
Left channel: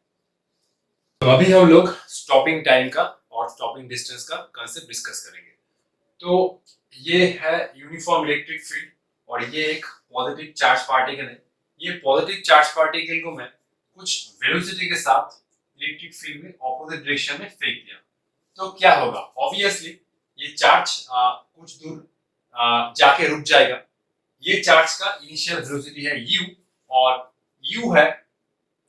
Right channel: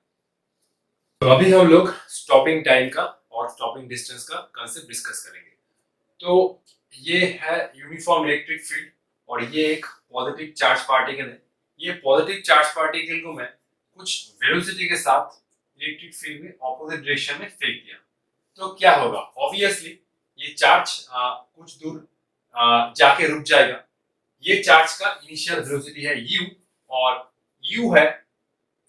तो अभी हम लोग स्टॉपिंग टाइम का और स्टॉपिंग डिस्टेंस का कांसेप्ट डिस्कस करेंगे। तो ये है यूनिफॉर्म इलेक्ट्रिक फील्ड और ये एक पॉजिटिव चार्ज पार्टिकल है। ये पॉजिटिव चार्ज पार्टिकल को मैं कुछ वेलोसिटी के साथ इलेक्ट्रिक फील्ड में ऑपोजिट डायरेक्शन में फेंक दिया, तो क्या होगा, ऑब्वियसली ये चार्ज कुछ दूर जाके रुक जाएगा। ये चार्ज का इनिशियल वेलोसिटी है u और u है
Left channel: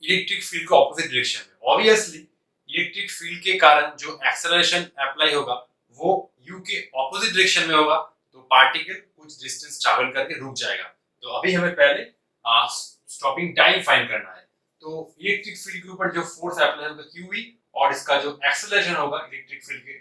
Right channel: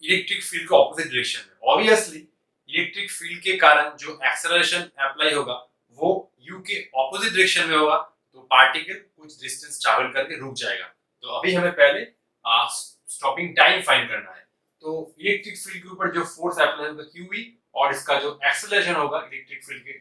इलेक्ट्रिक फील्ड के ऑपोजिट डायरेक्शन में। ऑब्वियसली इलेक्ट्रिक फील्ड के कारण जो एक्सेलरेशन अप्लाई होगा वो u के ऑपोजिट डायरेक्शन में होगा, तो पार्टिकल कुछ डिस्टेंस ट्रैवल करके रुक जाएगा। तो अभी हमें पहले स्टॉपिंग टाइम फाइंड करना है। तो इलेक्ट्रिक फील्ड के ऊपर जो फोर्स अप्लाई होगा qe और इसका जो एक्सेलरेशन होगा इलेक्ट्रिक फील्ड के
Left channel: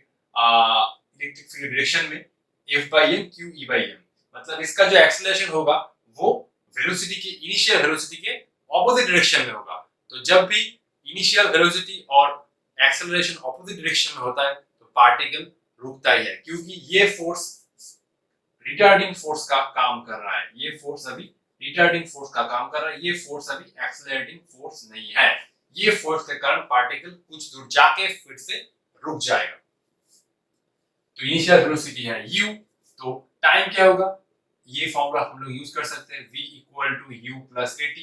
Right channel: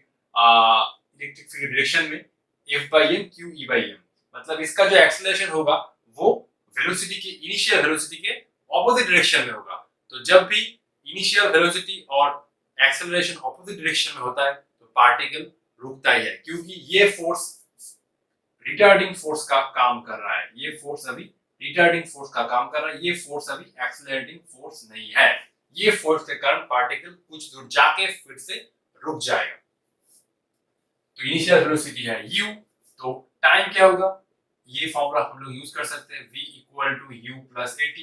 डायरेक्शन में F/m QE/m, मतलब इसका जो एक्सेलरेशन होगा वो वेलोसिटी के इनिशियल वेलोसिटी के ऑपोजिट डायरेक्शन में होगा। तो जब भी इनिशियल वेलोसिटी और एक्सेलरेशन ऑपोजिट डायरेक्शन में होता है तो पार्टिकल रुकता ही है, क्योंकि ये फोर्स रिटार्डिंग फोर्स का काम कर रहा है, ये फोर्स अभी रिटार्डिंग फोर्स का काम कर रहा है, ये फोर्स अभी एक्सेलरेटिंग फोर्स नहीं है। ये फोर्स के कारण पार्टिकल कुछ दूर जाके फिर से रुक जाएगा। तो इनिशियल वेलोसिटी है u, तो टाइम क्या होगा, ये फॉर्मूला हम लोग यूज कर सकते हैं, v equal to u plus at।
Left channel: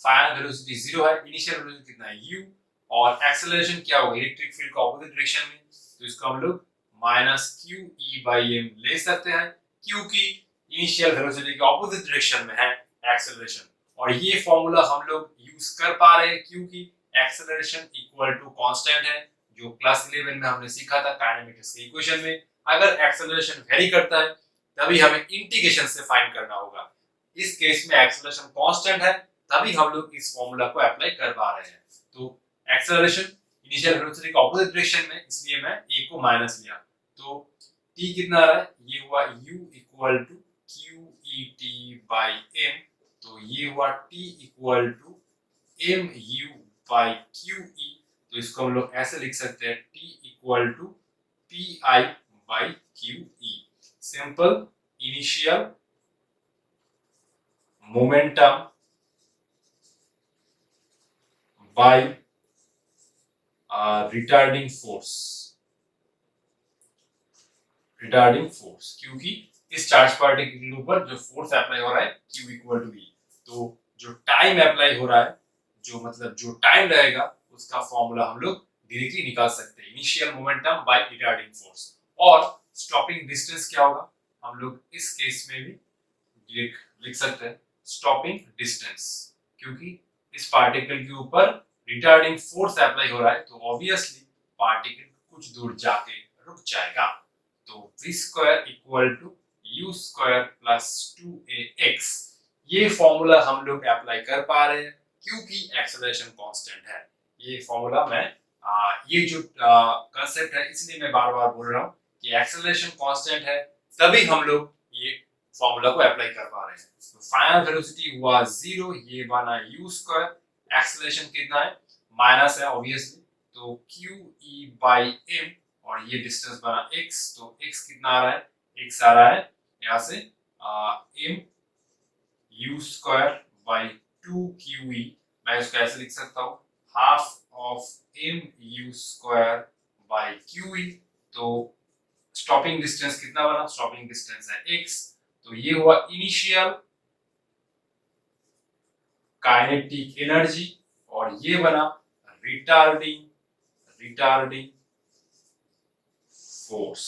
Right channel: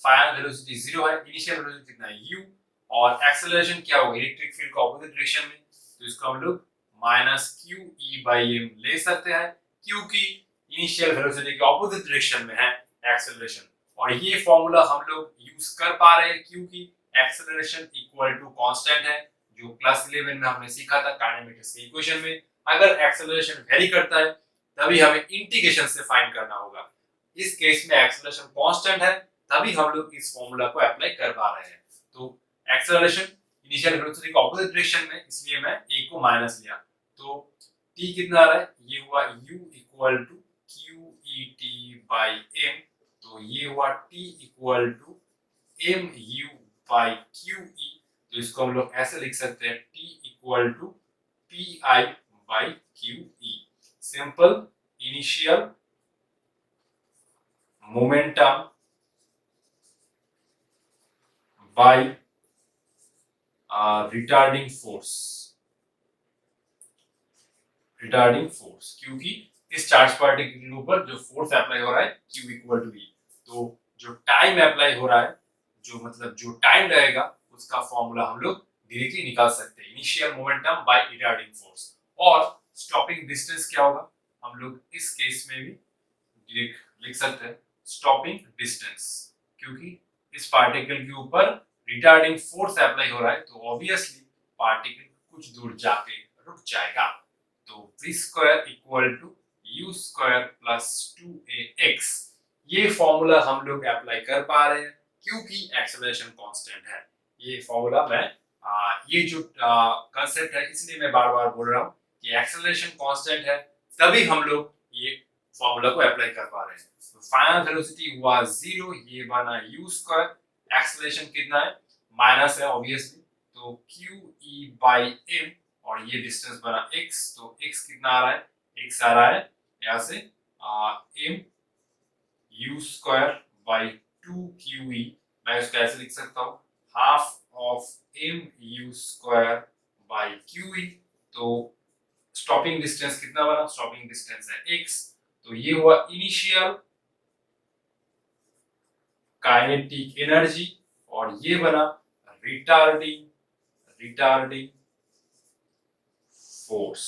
Final velocity 0 है, इनिशियल वेलोसिटी कितना है u, और एक्सेलरेशन क्या होगा इलेक्ट्रिक फील्ड का ऑपोजिट डायरेक्शन में, तो इसको हम लोग माइनस QE/m ले सकते हैं, क्योंकि इनिशियल वेलोसिटी के ऑपोजिट डायरेक्शन में है एक्सेलरेशन। और ये फॉर्मूला हम लोग यूज कर पा रहे हैं क्योंकि एक्सेलरेशन इक्वल टू कांस्टेंट है, जो क्लास 11 में हमने सीखा था काइनेमेटिक्स के इक्वेशन में। अगर एक्सेलरेशन वेरी करता है तभी हमें इंटीग्रेशन से फाइंड करना होगा। इस केस में एक्सेलरेशन कांस्टेंट है, तभी हम लोग इस फॉर्मूला को अप्लाई कर पा रहे हैं। तो एक्सेलरेशन इनिशियल वेलोसिटी के ऑपोजिट डायरेक्शन में, इसलिए मैं a को माइनस लिया, तो t कितना आ रहा है, ये हुआ u इक्वल टू QET/m, तो ये हुआ t इक्वल टू mu/QE, तो इसको हम लोग ऐसे लिख सकते हैं t equal to PI/QE, simple initial momentum by retarding force, क्योंकि इस चार्ज पार्टिकल के ऊपर जो फोर्स अप्लाई हो रहा है Q इक्वल टू E। तो जो टाइम अप्लाई हो रहा है, जो मतलब जो टाइम रहेगा, उसका फॉर्मूला हम लोग डायरेक्टली निकाल सकते हैं, initial momentum by retarding force. और स्टॉपिंग डिस्टेंस क्या होगा, हम लोग इस केस में भी लिख सकते हैं स्टॉपिंग डिस्टेंस, क्योंकि इस पार्टिकल के ऊपर रिटार्डिंग फोर्स अप्लाई हो रहा है, तो ऑब्वियसली पार्टिकल कुछ दूर जाके रुक जाएगा। तो v square equal to u square plus 2ax, ये फॉर्मूला हम लोग अप्लाई कर पा रहे हैं क्योंकि एक्सेलरेशन कांस्टेंट है। ये फॉर्मूला मैं ये जो कंसेप्ट है, इसलिए मैं बार बार बोल रहा हूँ कि एक्सेलरेशन कांस्टेंट है, तभी हम लोग ये फॉर्मूला को अप्लाई कर पा रहे हैं। तो फाइनल वेलोसिटी हुआ 0, ये बना u स्क्वायर, एक्सेलरेशन कितना है, माइनस है ऑब्वियसली, तो QE बाई m, और ये डिस्टेंस बना x, तो x कितना आ रहा है, x आ रहा है यहाँ से m u square by 2QE, मैं इसको ऐसे लिख सकता हूँ half of m u square by QE। तो स्टॉपिंग डिस्टेंस कितना बना, स्टॉपिंग डिस्टेंस है x, तो ये हुआ इनिशियल काइनेटिक एनर्जी, और ये बना रिटार्डिंग फोर्स।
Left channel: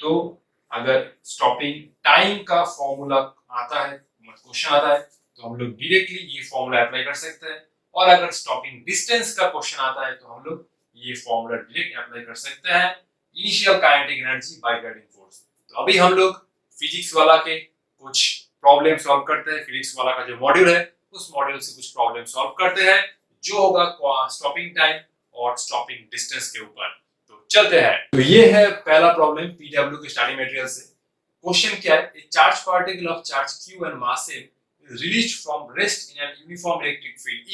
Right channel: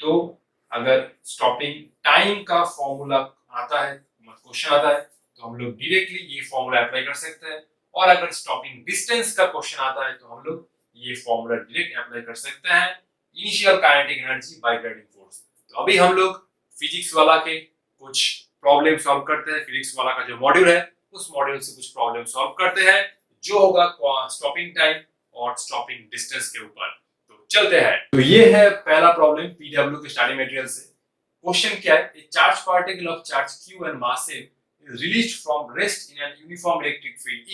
तो अगर स्टॉपिंग टाइम का फॉर्मूला आता है, क्वेश्चन आता है, तो हम लोग डायरेक्टली ये फॉर्मूला अप्लाई कर सकते हैं, और अगर स्टॉपिंग डिस्टेंस का क्वेश्चन आता है तो हम लोग ये फॉर्मूला डायरेक्ट अप्लाई कर सकते हैं, initial kinetic energy by retarding force. तो अभी हम लोग फिजिक्स वाला के कुछ प्रॉब्लम सॉल्व करते हैं, फिजिक्स वाला का जो मॉड्यूल है उस मॉड्यूल से कुछ प्रॉब्लम सॉल्व करते हैं, जो होगा स्टॉपिंग टाइम और स्टॉपिंग डिस्टेंस के ऊपर। तो चलते हैं। तो ये है पहला प्रॉब्लम पीडब्ल्यू के स्टडी मटेरियल से। क्वेश्चन क्या है, ए charge particle of charge q and mass m is released from rest in an uniform electric field E।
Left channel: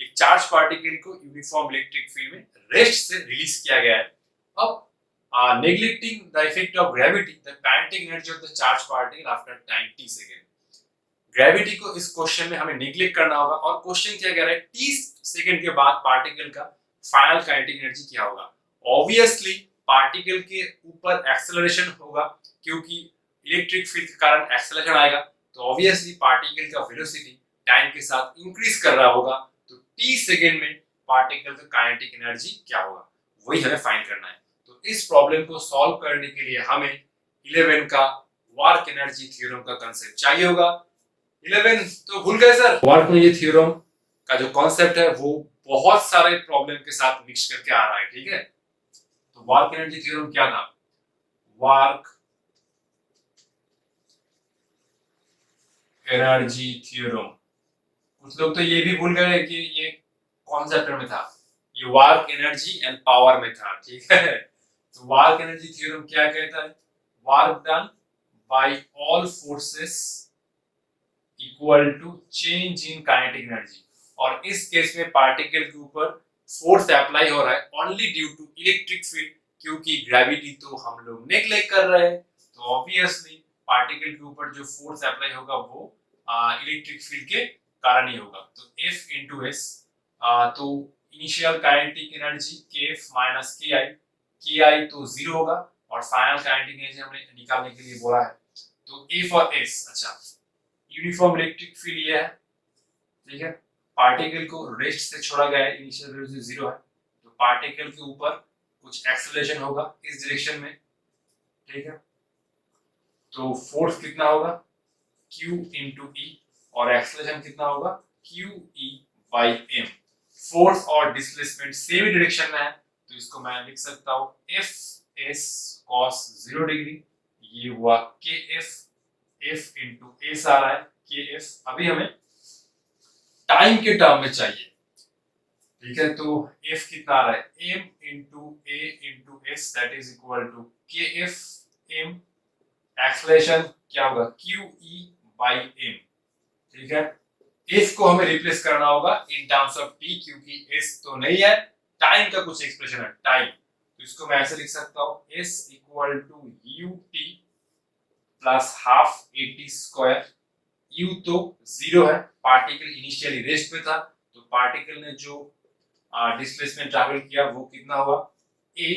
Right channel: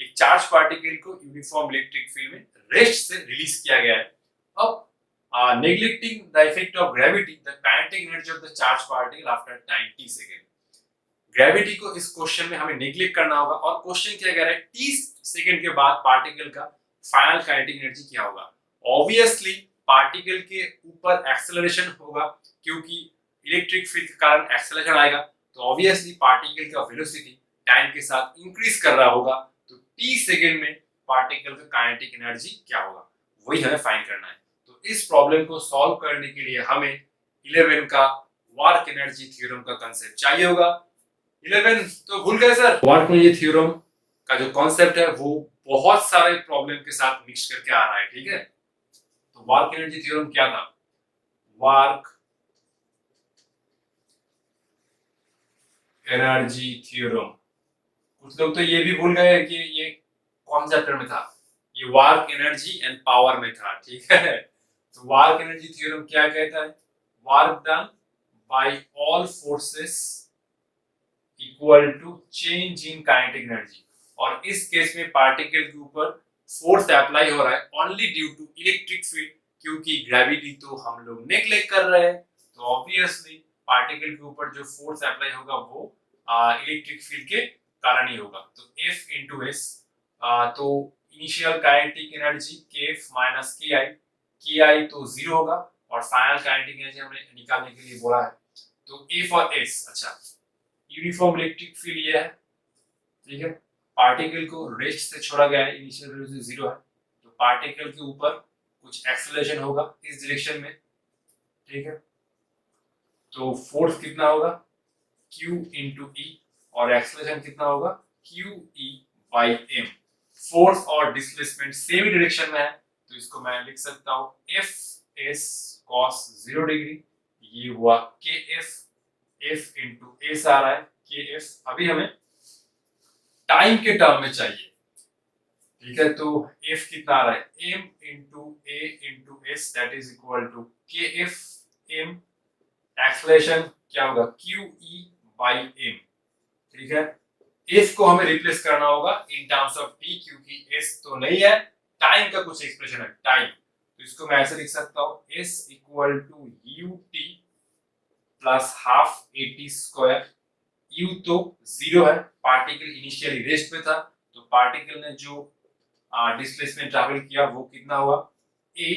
एक चार्ज पार्टिकल को यूनिफॉर्म इलेक्ट्रिक फील्ड में रेस्ट से रिलीज किया गया है। अब neglecting the effect of gravity, the kinetic energy of the charge particle after time t second. Gravity को इस क्वेश्चन में हमें नेग्लेक्ट करना होगा, और क्वेश्चन क्या कह रहा है, t सेकंड के बाद पार्टिकल का फाइनल काइनेटिक एनर्जी क्या होगा। ऑब्वियसली पार्टिकल के ऊपर एक्सेलरेशन होगा, क्योंकि इलेक्ट्रिक फील्ड के कारण एक्सेलरेशन आएगा, तो ऑब्वियसली पार्टिकल का वेलोसिटी टाइम के साथ इंक्रीज कर रहा होगा, तो t सेकंड में पार्टिकल का काइनेटिक एनर्जी क्या होगा, वही हमें फाइंड करना है। तो इस प्रॉब्लम को सॉल्व करने के लिए हमें 11 का वर्क एनर्जी थ्योरम का कांसेप्ट चाहिए होगा। 11 तो भूल गए सर। वर्क एनर्जी थ्योरम का जो कांसेप्ट है वो बहुत सारे प्रॉब्लम के साथ मिक्स करके आ रहा है, ठीक है। तो वर्क एनर्जी थ्योरम क्या था, वर्क एनर्जी थ्योरम, कुछ लोग तो ये भी भूल गए कि ये कौन चैप्टर में था, ये वर्क एनर्जी एंड पावर में था, ठीक है। तो वर्क एनर्जी थ्योरम क्या कहता है, work done by all forces equal to change in kinetic energy, और इस केस में पार्टिकल के ऊपर फोर्स अप्लाई हो रहा है only due to electric field, क्योंकि ग्रेविटी तो हम लोग नेग्लेक्ट कर रहे हैं, तो ऑब्वियसली पार्टिकल के ऊपर जो फोर्स अप्लाई होगा वो इलेक्ट्रिक फील्ड के कारण ही होगा। तो F इंटू एस, तो initial kinetic energy kF minus ki तो 0 होगा, और फाइनल काइनेटिक एनर्जी हमने निकालने के लिए बोला है, तो F और S। अच्छा, यूनिफॉर्म इलेक्ट्रिक फील्ड ये है, ठीक है, पार्टिकल को रेस्ट से छोड़ा गया है, इनिशियल वेलोसिटी 0 है, तो पार्टिकल के ऊपर कुछ एक्सेलरेशन होगा इस डायरेक्शन में, ठीक है। तो फोर्स कितना होगा Q इंटू E, और एक्सेलरेशन कितना होगा QE बाई m। फोर्स और डिस्प्लेसमेंट सेम डायरेक्शन में है, तो इसको मैं लिख सकता हूँ FS cos 0 डिग्री, ये हुआ KF, F इंटू S आ रहा है KF। अभी हमें टाइम के टर्म में चाहिए, ठीक है, तो F कितना आ रहा है, M into A into S that is equal to KF M, acceleration क्या होगा QE बाई m, ठीक है। F को हमें रिप्लेस करना होगा इन टर्म्स ऑफ t, क्योंकि S तो नहीं है, टाइम का कुछ एक्सप्रेशन है टाइम, तो इसको मैं ऐसे लिख सकता हूँ S equal to ut plus half at square. u तो 0 है, पार्टिकल इनिशियली रेस्ट में था, तो पार्टिकल ने जो डिस्प्लेसमेंट ट्रैवल किया वो कितना हुआ a,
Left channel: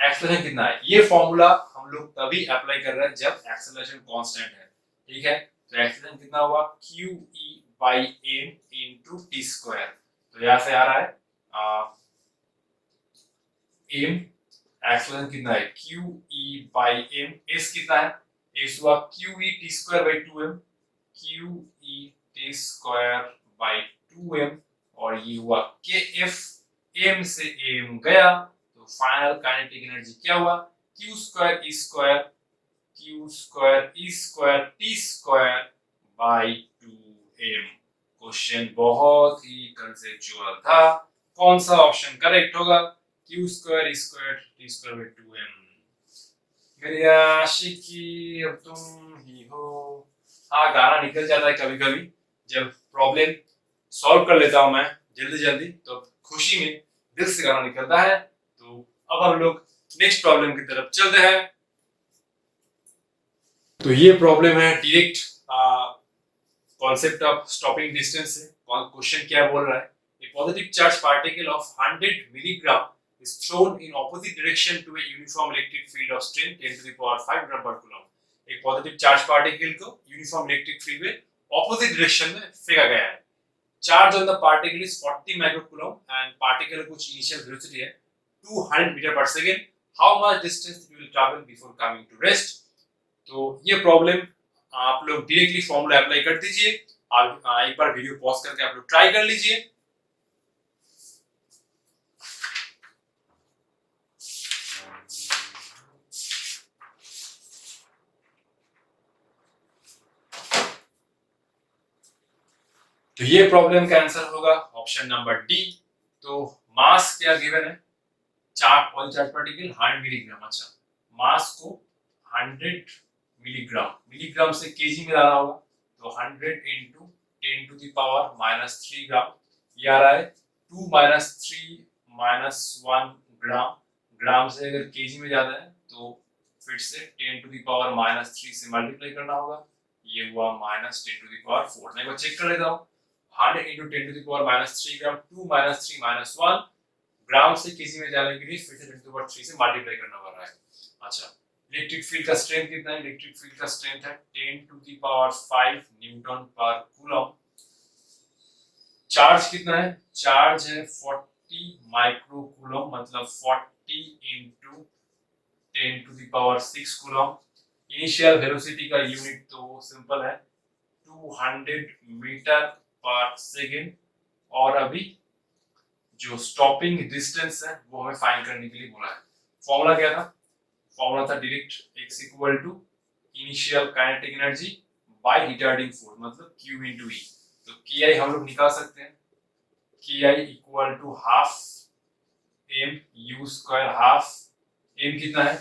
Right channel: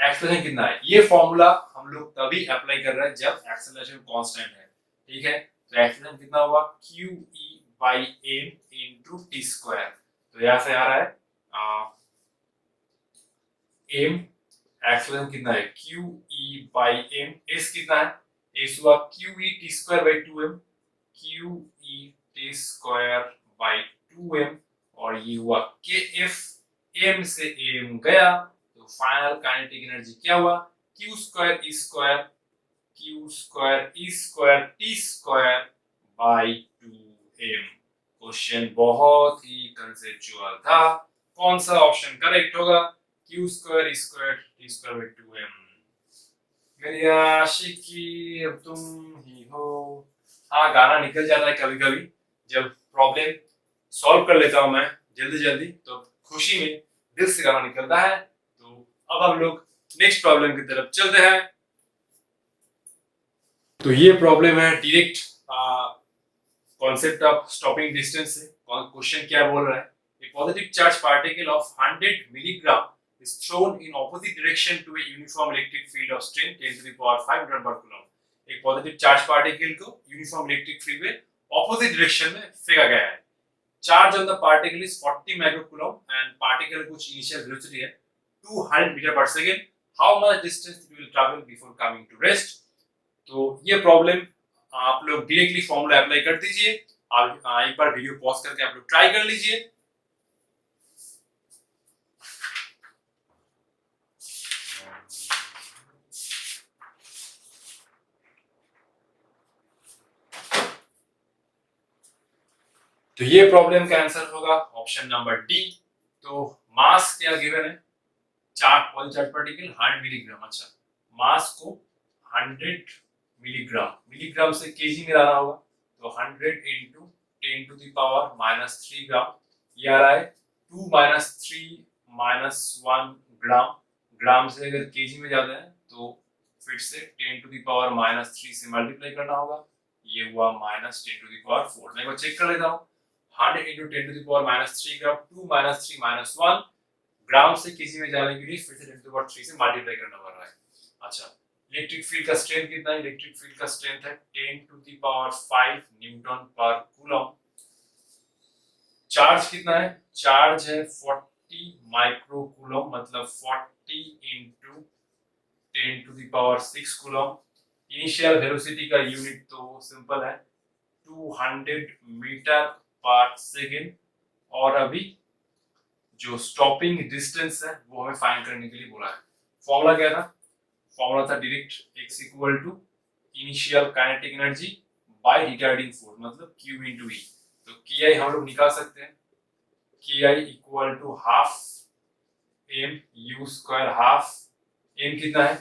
एक्सप्रेशन कितना है, ये फॉर्मूला हम लोग तभी अप्लाई कर रहे हैं जब एक्सेलरेशन कांस्टेंट है, ठीक है। तो एक्सेलरेशन कितना होगा, Q E by M into T square. तो यहाँ से आ रहा है एम, एक्सेलरेशन कितना है Q E by M, S कितना है, एस हुआ Q E T square by 2m, Q E T square by 2m, और ये हुआ के एफ, एम से एम गया, तो फाइनल काइनेटिक एनर्जी क्या हुआ, Q square E square, Q square E square T square by 2m। Question बहुत ही कंसेप्चुअल था, कौन सा ऑप्शन करेक्ट होगा, Q square E square T square by 2m। मेरी आशिकी अब तुम ही हो। हाँ, गाना निकल जाता है कभी कभी जब प्रॉब्लम सॉल्व कर लेता हूं मैं जल्दी जल्दी, तो खुशी में दिल से गाना निकलता है। तो अब हम लोग नेक्स्ट प्रॉब्लम की तरफ चलते हैं। तो ये प्रॉब्लम है direct concept of stopping distance से। क्वेश्चन क्या बोल रहा है, a positive charge particle of 100 milligram is thrown in opposite direction to a uniform electric field of strength 10 to the power 5 gram per coulomb। एक पॉजिटिव चार्ज पार्टिकल को यूनिफॉर्म इलेक्ट्रिक फील्ड में ऑपोजिट डायरेक्शन में फेंका गया है। Charge on the particle is 40 microcoulomb and particle कुछ इनिशियल वेलोसिटी है 200 metre per second. How much distance it will travel before coming to rest. तो ये प्रॉब्लम आप लोग डायरेक्टली फॉर्मूला अप्लाई कर दीजिए। आप एक बार वीडियो पॉज करके आप लोग ट्राई कर लीजिए। तो ये प्रॉब्लम का आंसर होगा ऑप्शन नंबर डी। तो मास क्या गिवन है, पॉइंट चार्ज पार्टिकल 100 मिलीग्राम। अच्छा, मास को 100 मिलीग्राम, मिलीग्राम से केजी में लाना होगा, तो 100 into 10 to the power minus 3 gram. ये आ रहा है 2 माइनस 3 माइनस 1 ग्राम। ग्राम से अगर केजी में जाना है तो फिर से 10 टू द पावर माइनस 3 से मल्टीप्लाई करना होगा। ये हुआ माइनस 10 टू द पावर 4। मैं एक बार चेक कर लेता हूँ, 100 into 10 to the power minus 3 gram, 2 minus 3 minus 1 ग्राम से केजी में जाने के लिए फिर से 10 to the power 3 से मल्टीप्लाई करना पड़ रहा है। अच्छा, इलेक्ट्रिक फील्ड का स्ट्रेंथ कितना है, इलेक्ट्रिक फील्ड का स्ट्रेंथ है 10 to the power 5 न्यूटन पर कूलम। चार्ज कितना है, चार्ज है 40 माइक्रो कूलम, मतलब 40 into 10 to the power 6 coulomb. Initial velocity का यूनिट तो सिंपल है 200 मीटर पर सेकेंड, और अभी जो स्टॉपिंग डिस्टेंस है वो हमें फाइंड करने के लिए बोला है। फॉर्मूला क्या था, फॉर्मूला था direct x equal to initial kinetic energy by retarding force, मतलब q इनटू e। तो ki हम लोग निकाल सकते हैं, ki equal to half m u square. Half m कितना है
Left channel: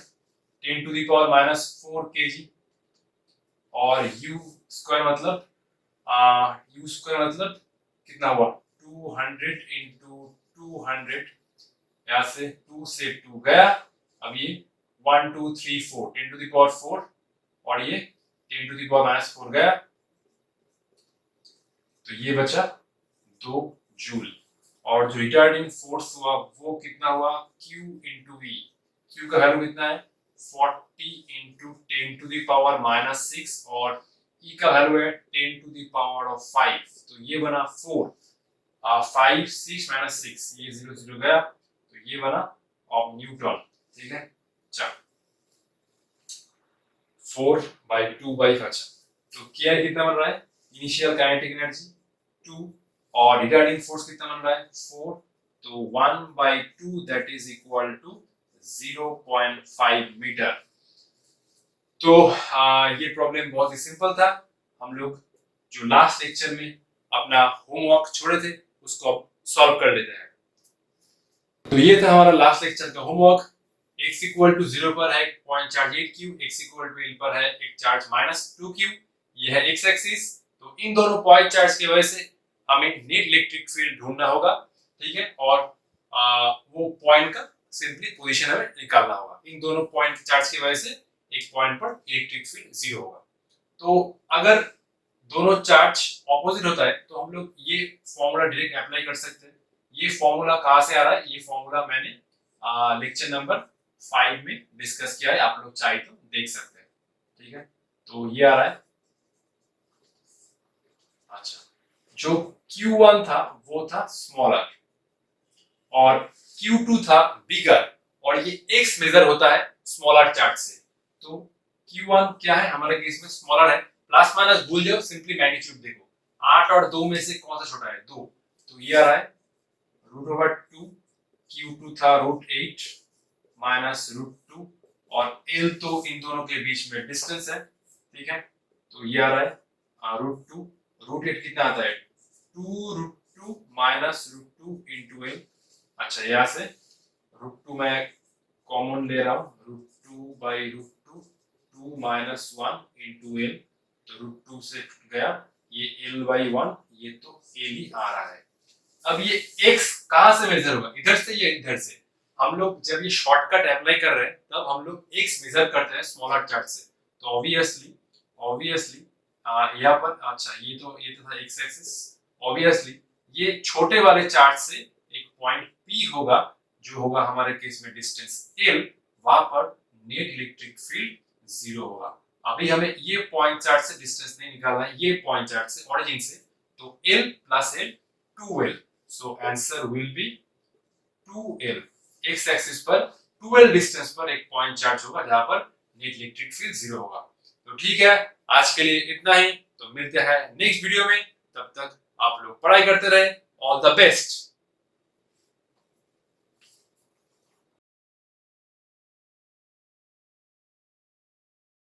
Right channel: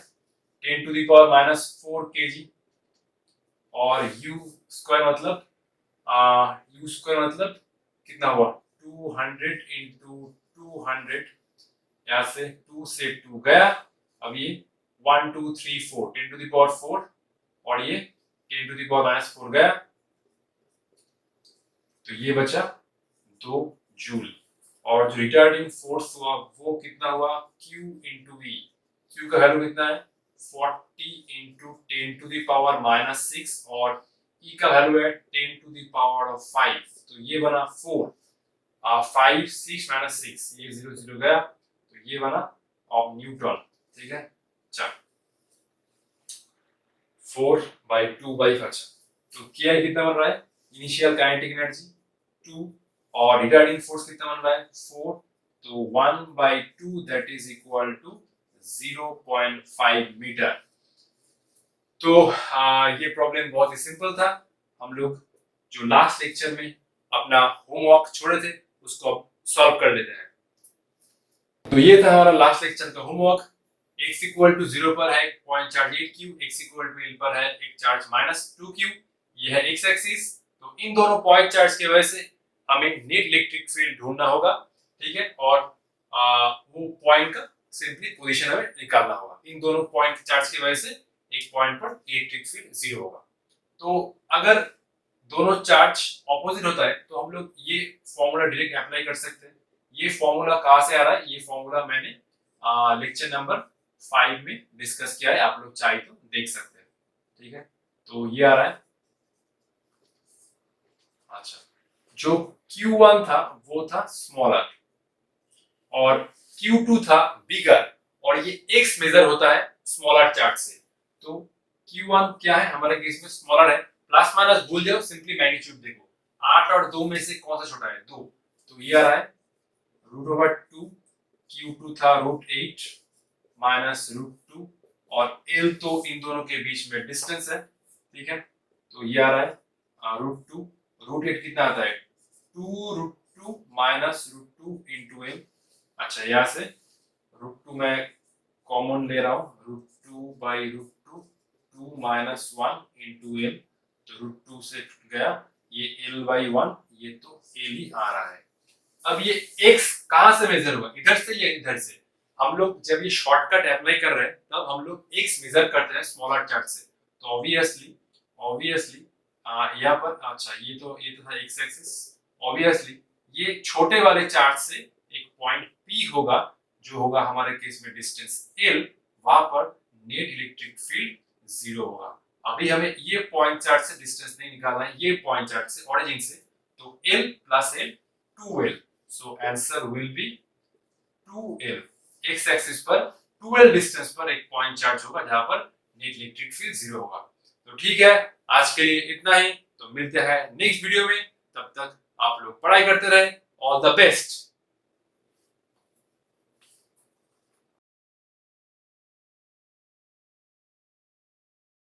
10 to the power minus 4 kg, और u स्क्वायर मतलब u स्क्वायर मतलब कितना हुआ 200 इंटू 200, यहाँ से 2 से 2 गया, अब ये 1 2 3 4 10 टू द पावर 4, और ये 10 टू द पावर माइनस 4 गया, तो ये बचा 2 जूल। और जो रिटार्डिंग फोर्स हुआ वो कितना हुआ q इंटू v। q का वैल्यू कितना है 40 into 10 to the power minus 6, और e का वैल्यू है 10 टू द पावर ऑफ 5, तो ये बना 4। 5 6 माइनस 6, ये 0 0 गया, तो ये बना ऑफ न्यूटन। ठीक है, चल 4 बाई 2 बाई 5। तो क्या कितना बन रहा है, इनिशियल काइनेटिक एनर्जी 2 और रिटार्डिंग फोर्स कितना बन रहा है 4, तो 1 by 2 that is equal to 0.5 metre. तो ये प्रॉब्लम बहुत ही सिंपल था। हम लोग जो लास्ट लेक्चर में अपना होमवर्क छोड़े थे उसको अब सॉल्व कर लेते हैं। तो ये था हमारा लास्ट लेक्चर का होमवर्क। x इक्वल टू 0 पर है एक point charge 8q, x equal to l पर है एक चार्ज माइनस 2q, ये है x एक्सिस। तो इन दोनों पॉइंट चार्ज की वजह से हमें नेट इलेक्ट्रिक फील्ड ढूंढना होगा, ठीक है, और वो पॉइंट का सिंपली पोजीशन हमें निकालना होगा। इन दोनों पॉइंट चार्ज की वजह से एक पॉइंट पर इलेक्ट्रिक फील्ड 0 होगा। तो अगर दोनों चार्ज ऑपोजिट होता है तो हम लोग ये फॉर्मूला डायरेक्ट अप्लाई कर सकते हैं। ये फॉर्मूला कहाँ से आ रहा है, ये फॉर्मूला मैंने लेक्चर नंबर 5 में डिस्कस किया है, आप लोग चाहे तो देख सकते हैं। ठीक है, तो ये आ रहा है। अच्छा, जो Q1 था वो था स्मॉलर और Q2 था बिगर, और ये x मेजर होता है स्मॉलर चार्ट से। तो Q1 क्या है हमारे केस में, स्मॉलर है। प्लस माइनस भूल जाओ, सिंपली मैग्नीट्यूड देखो, 8 और 2 में से कौन सा छोटा है, 2। तो ये आ रहा है √2। Q2 था √8 माइनस √2, और L तो इन दोनों के बीच में डिस्टेंस है। ठीक है, तो ये आ रहा है √2। √8 कितना आता है, 2√2 माइनस √2 इंटू L। अच्छा, यहाँ से √2 मैं कॉमन ले रहा हूँ, √2 बाई √2, 2 माइनस 1 इंटू L। तो √2 से गया ये L बाई 1, ये तो L ही आ रहा है। अब ये x कहां से मेजर होगा, इधर से या इधर से। हम लोग जब ये शॉर्टकट अप्लाई कर रहे हैं तब हम लोग x मेजर करते हैं स्मॉलर चार्ट से। तो ऑब्वियसली यहाँ पर, अच्छा ये तो था x एक्सिस, ऑब्वियसली ये छोटे वाले चार्ट से एक पॉइंट P होगा, जो होगा हमारे केस में डिस्टेंस L, वहां पर नेट इलेक्ट्रिक फील्ड 0 होगा। अभी हमें ये पॉइंट चार्ट से डिस्टेंस नहीं निकालना है, ये पॉइंट चार्ट से, ओरिजिन से। तो L plus L 2L, so answer will be 2L। x axis पर 2L डिस्टेंस पर एक पॉइंट चार्ज होगा जहां पर नेट इलेक्ट्रिक फील्ड 0 होगा। तो ठीक है, आज के लिए इतना ही। तो मिलते हैं नेक्स्ट वीडियो में, तब तक आप लोग पढ़ाई करते रहे। All the best.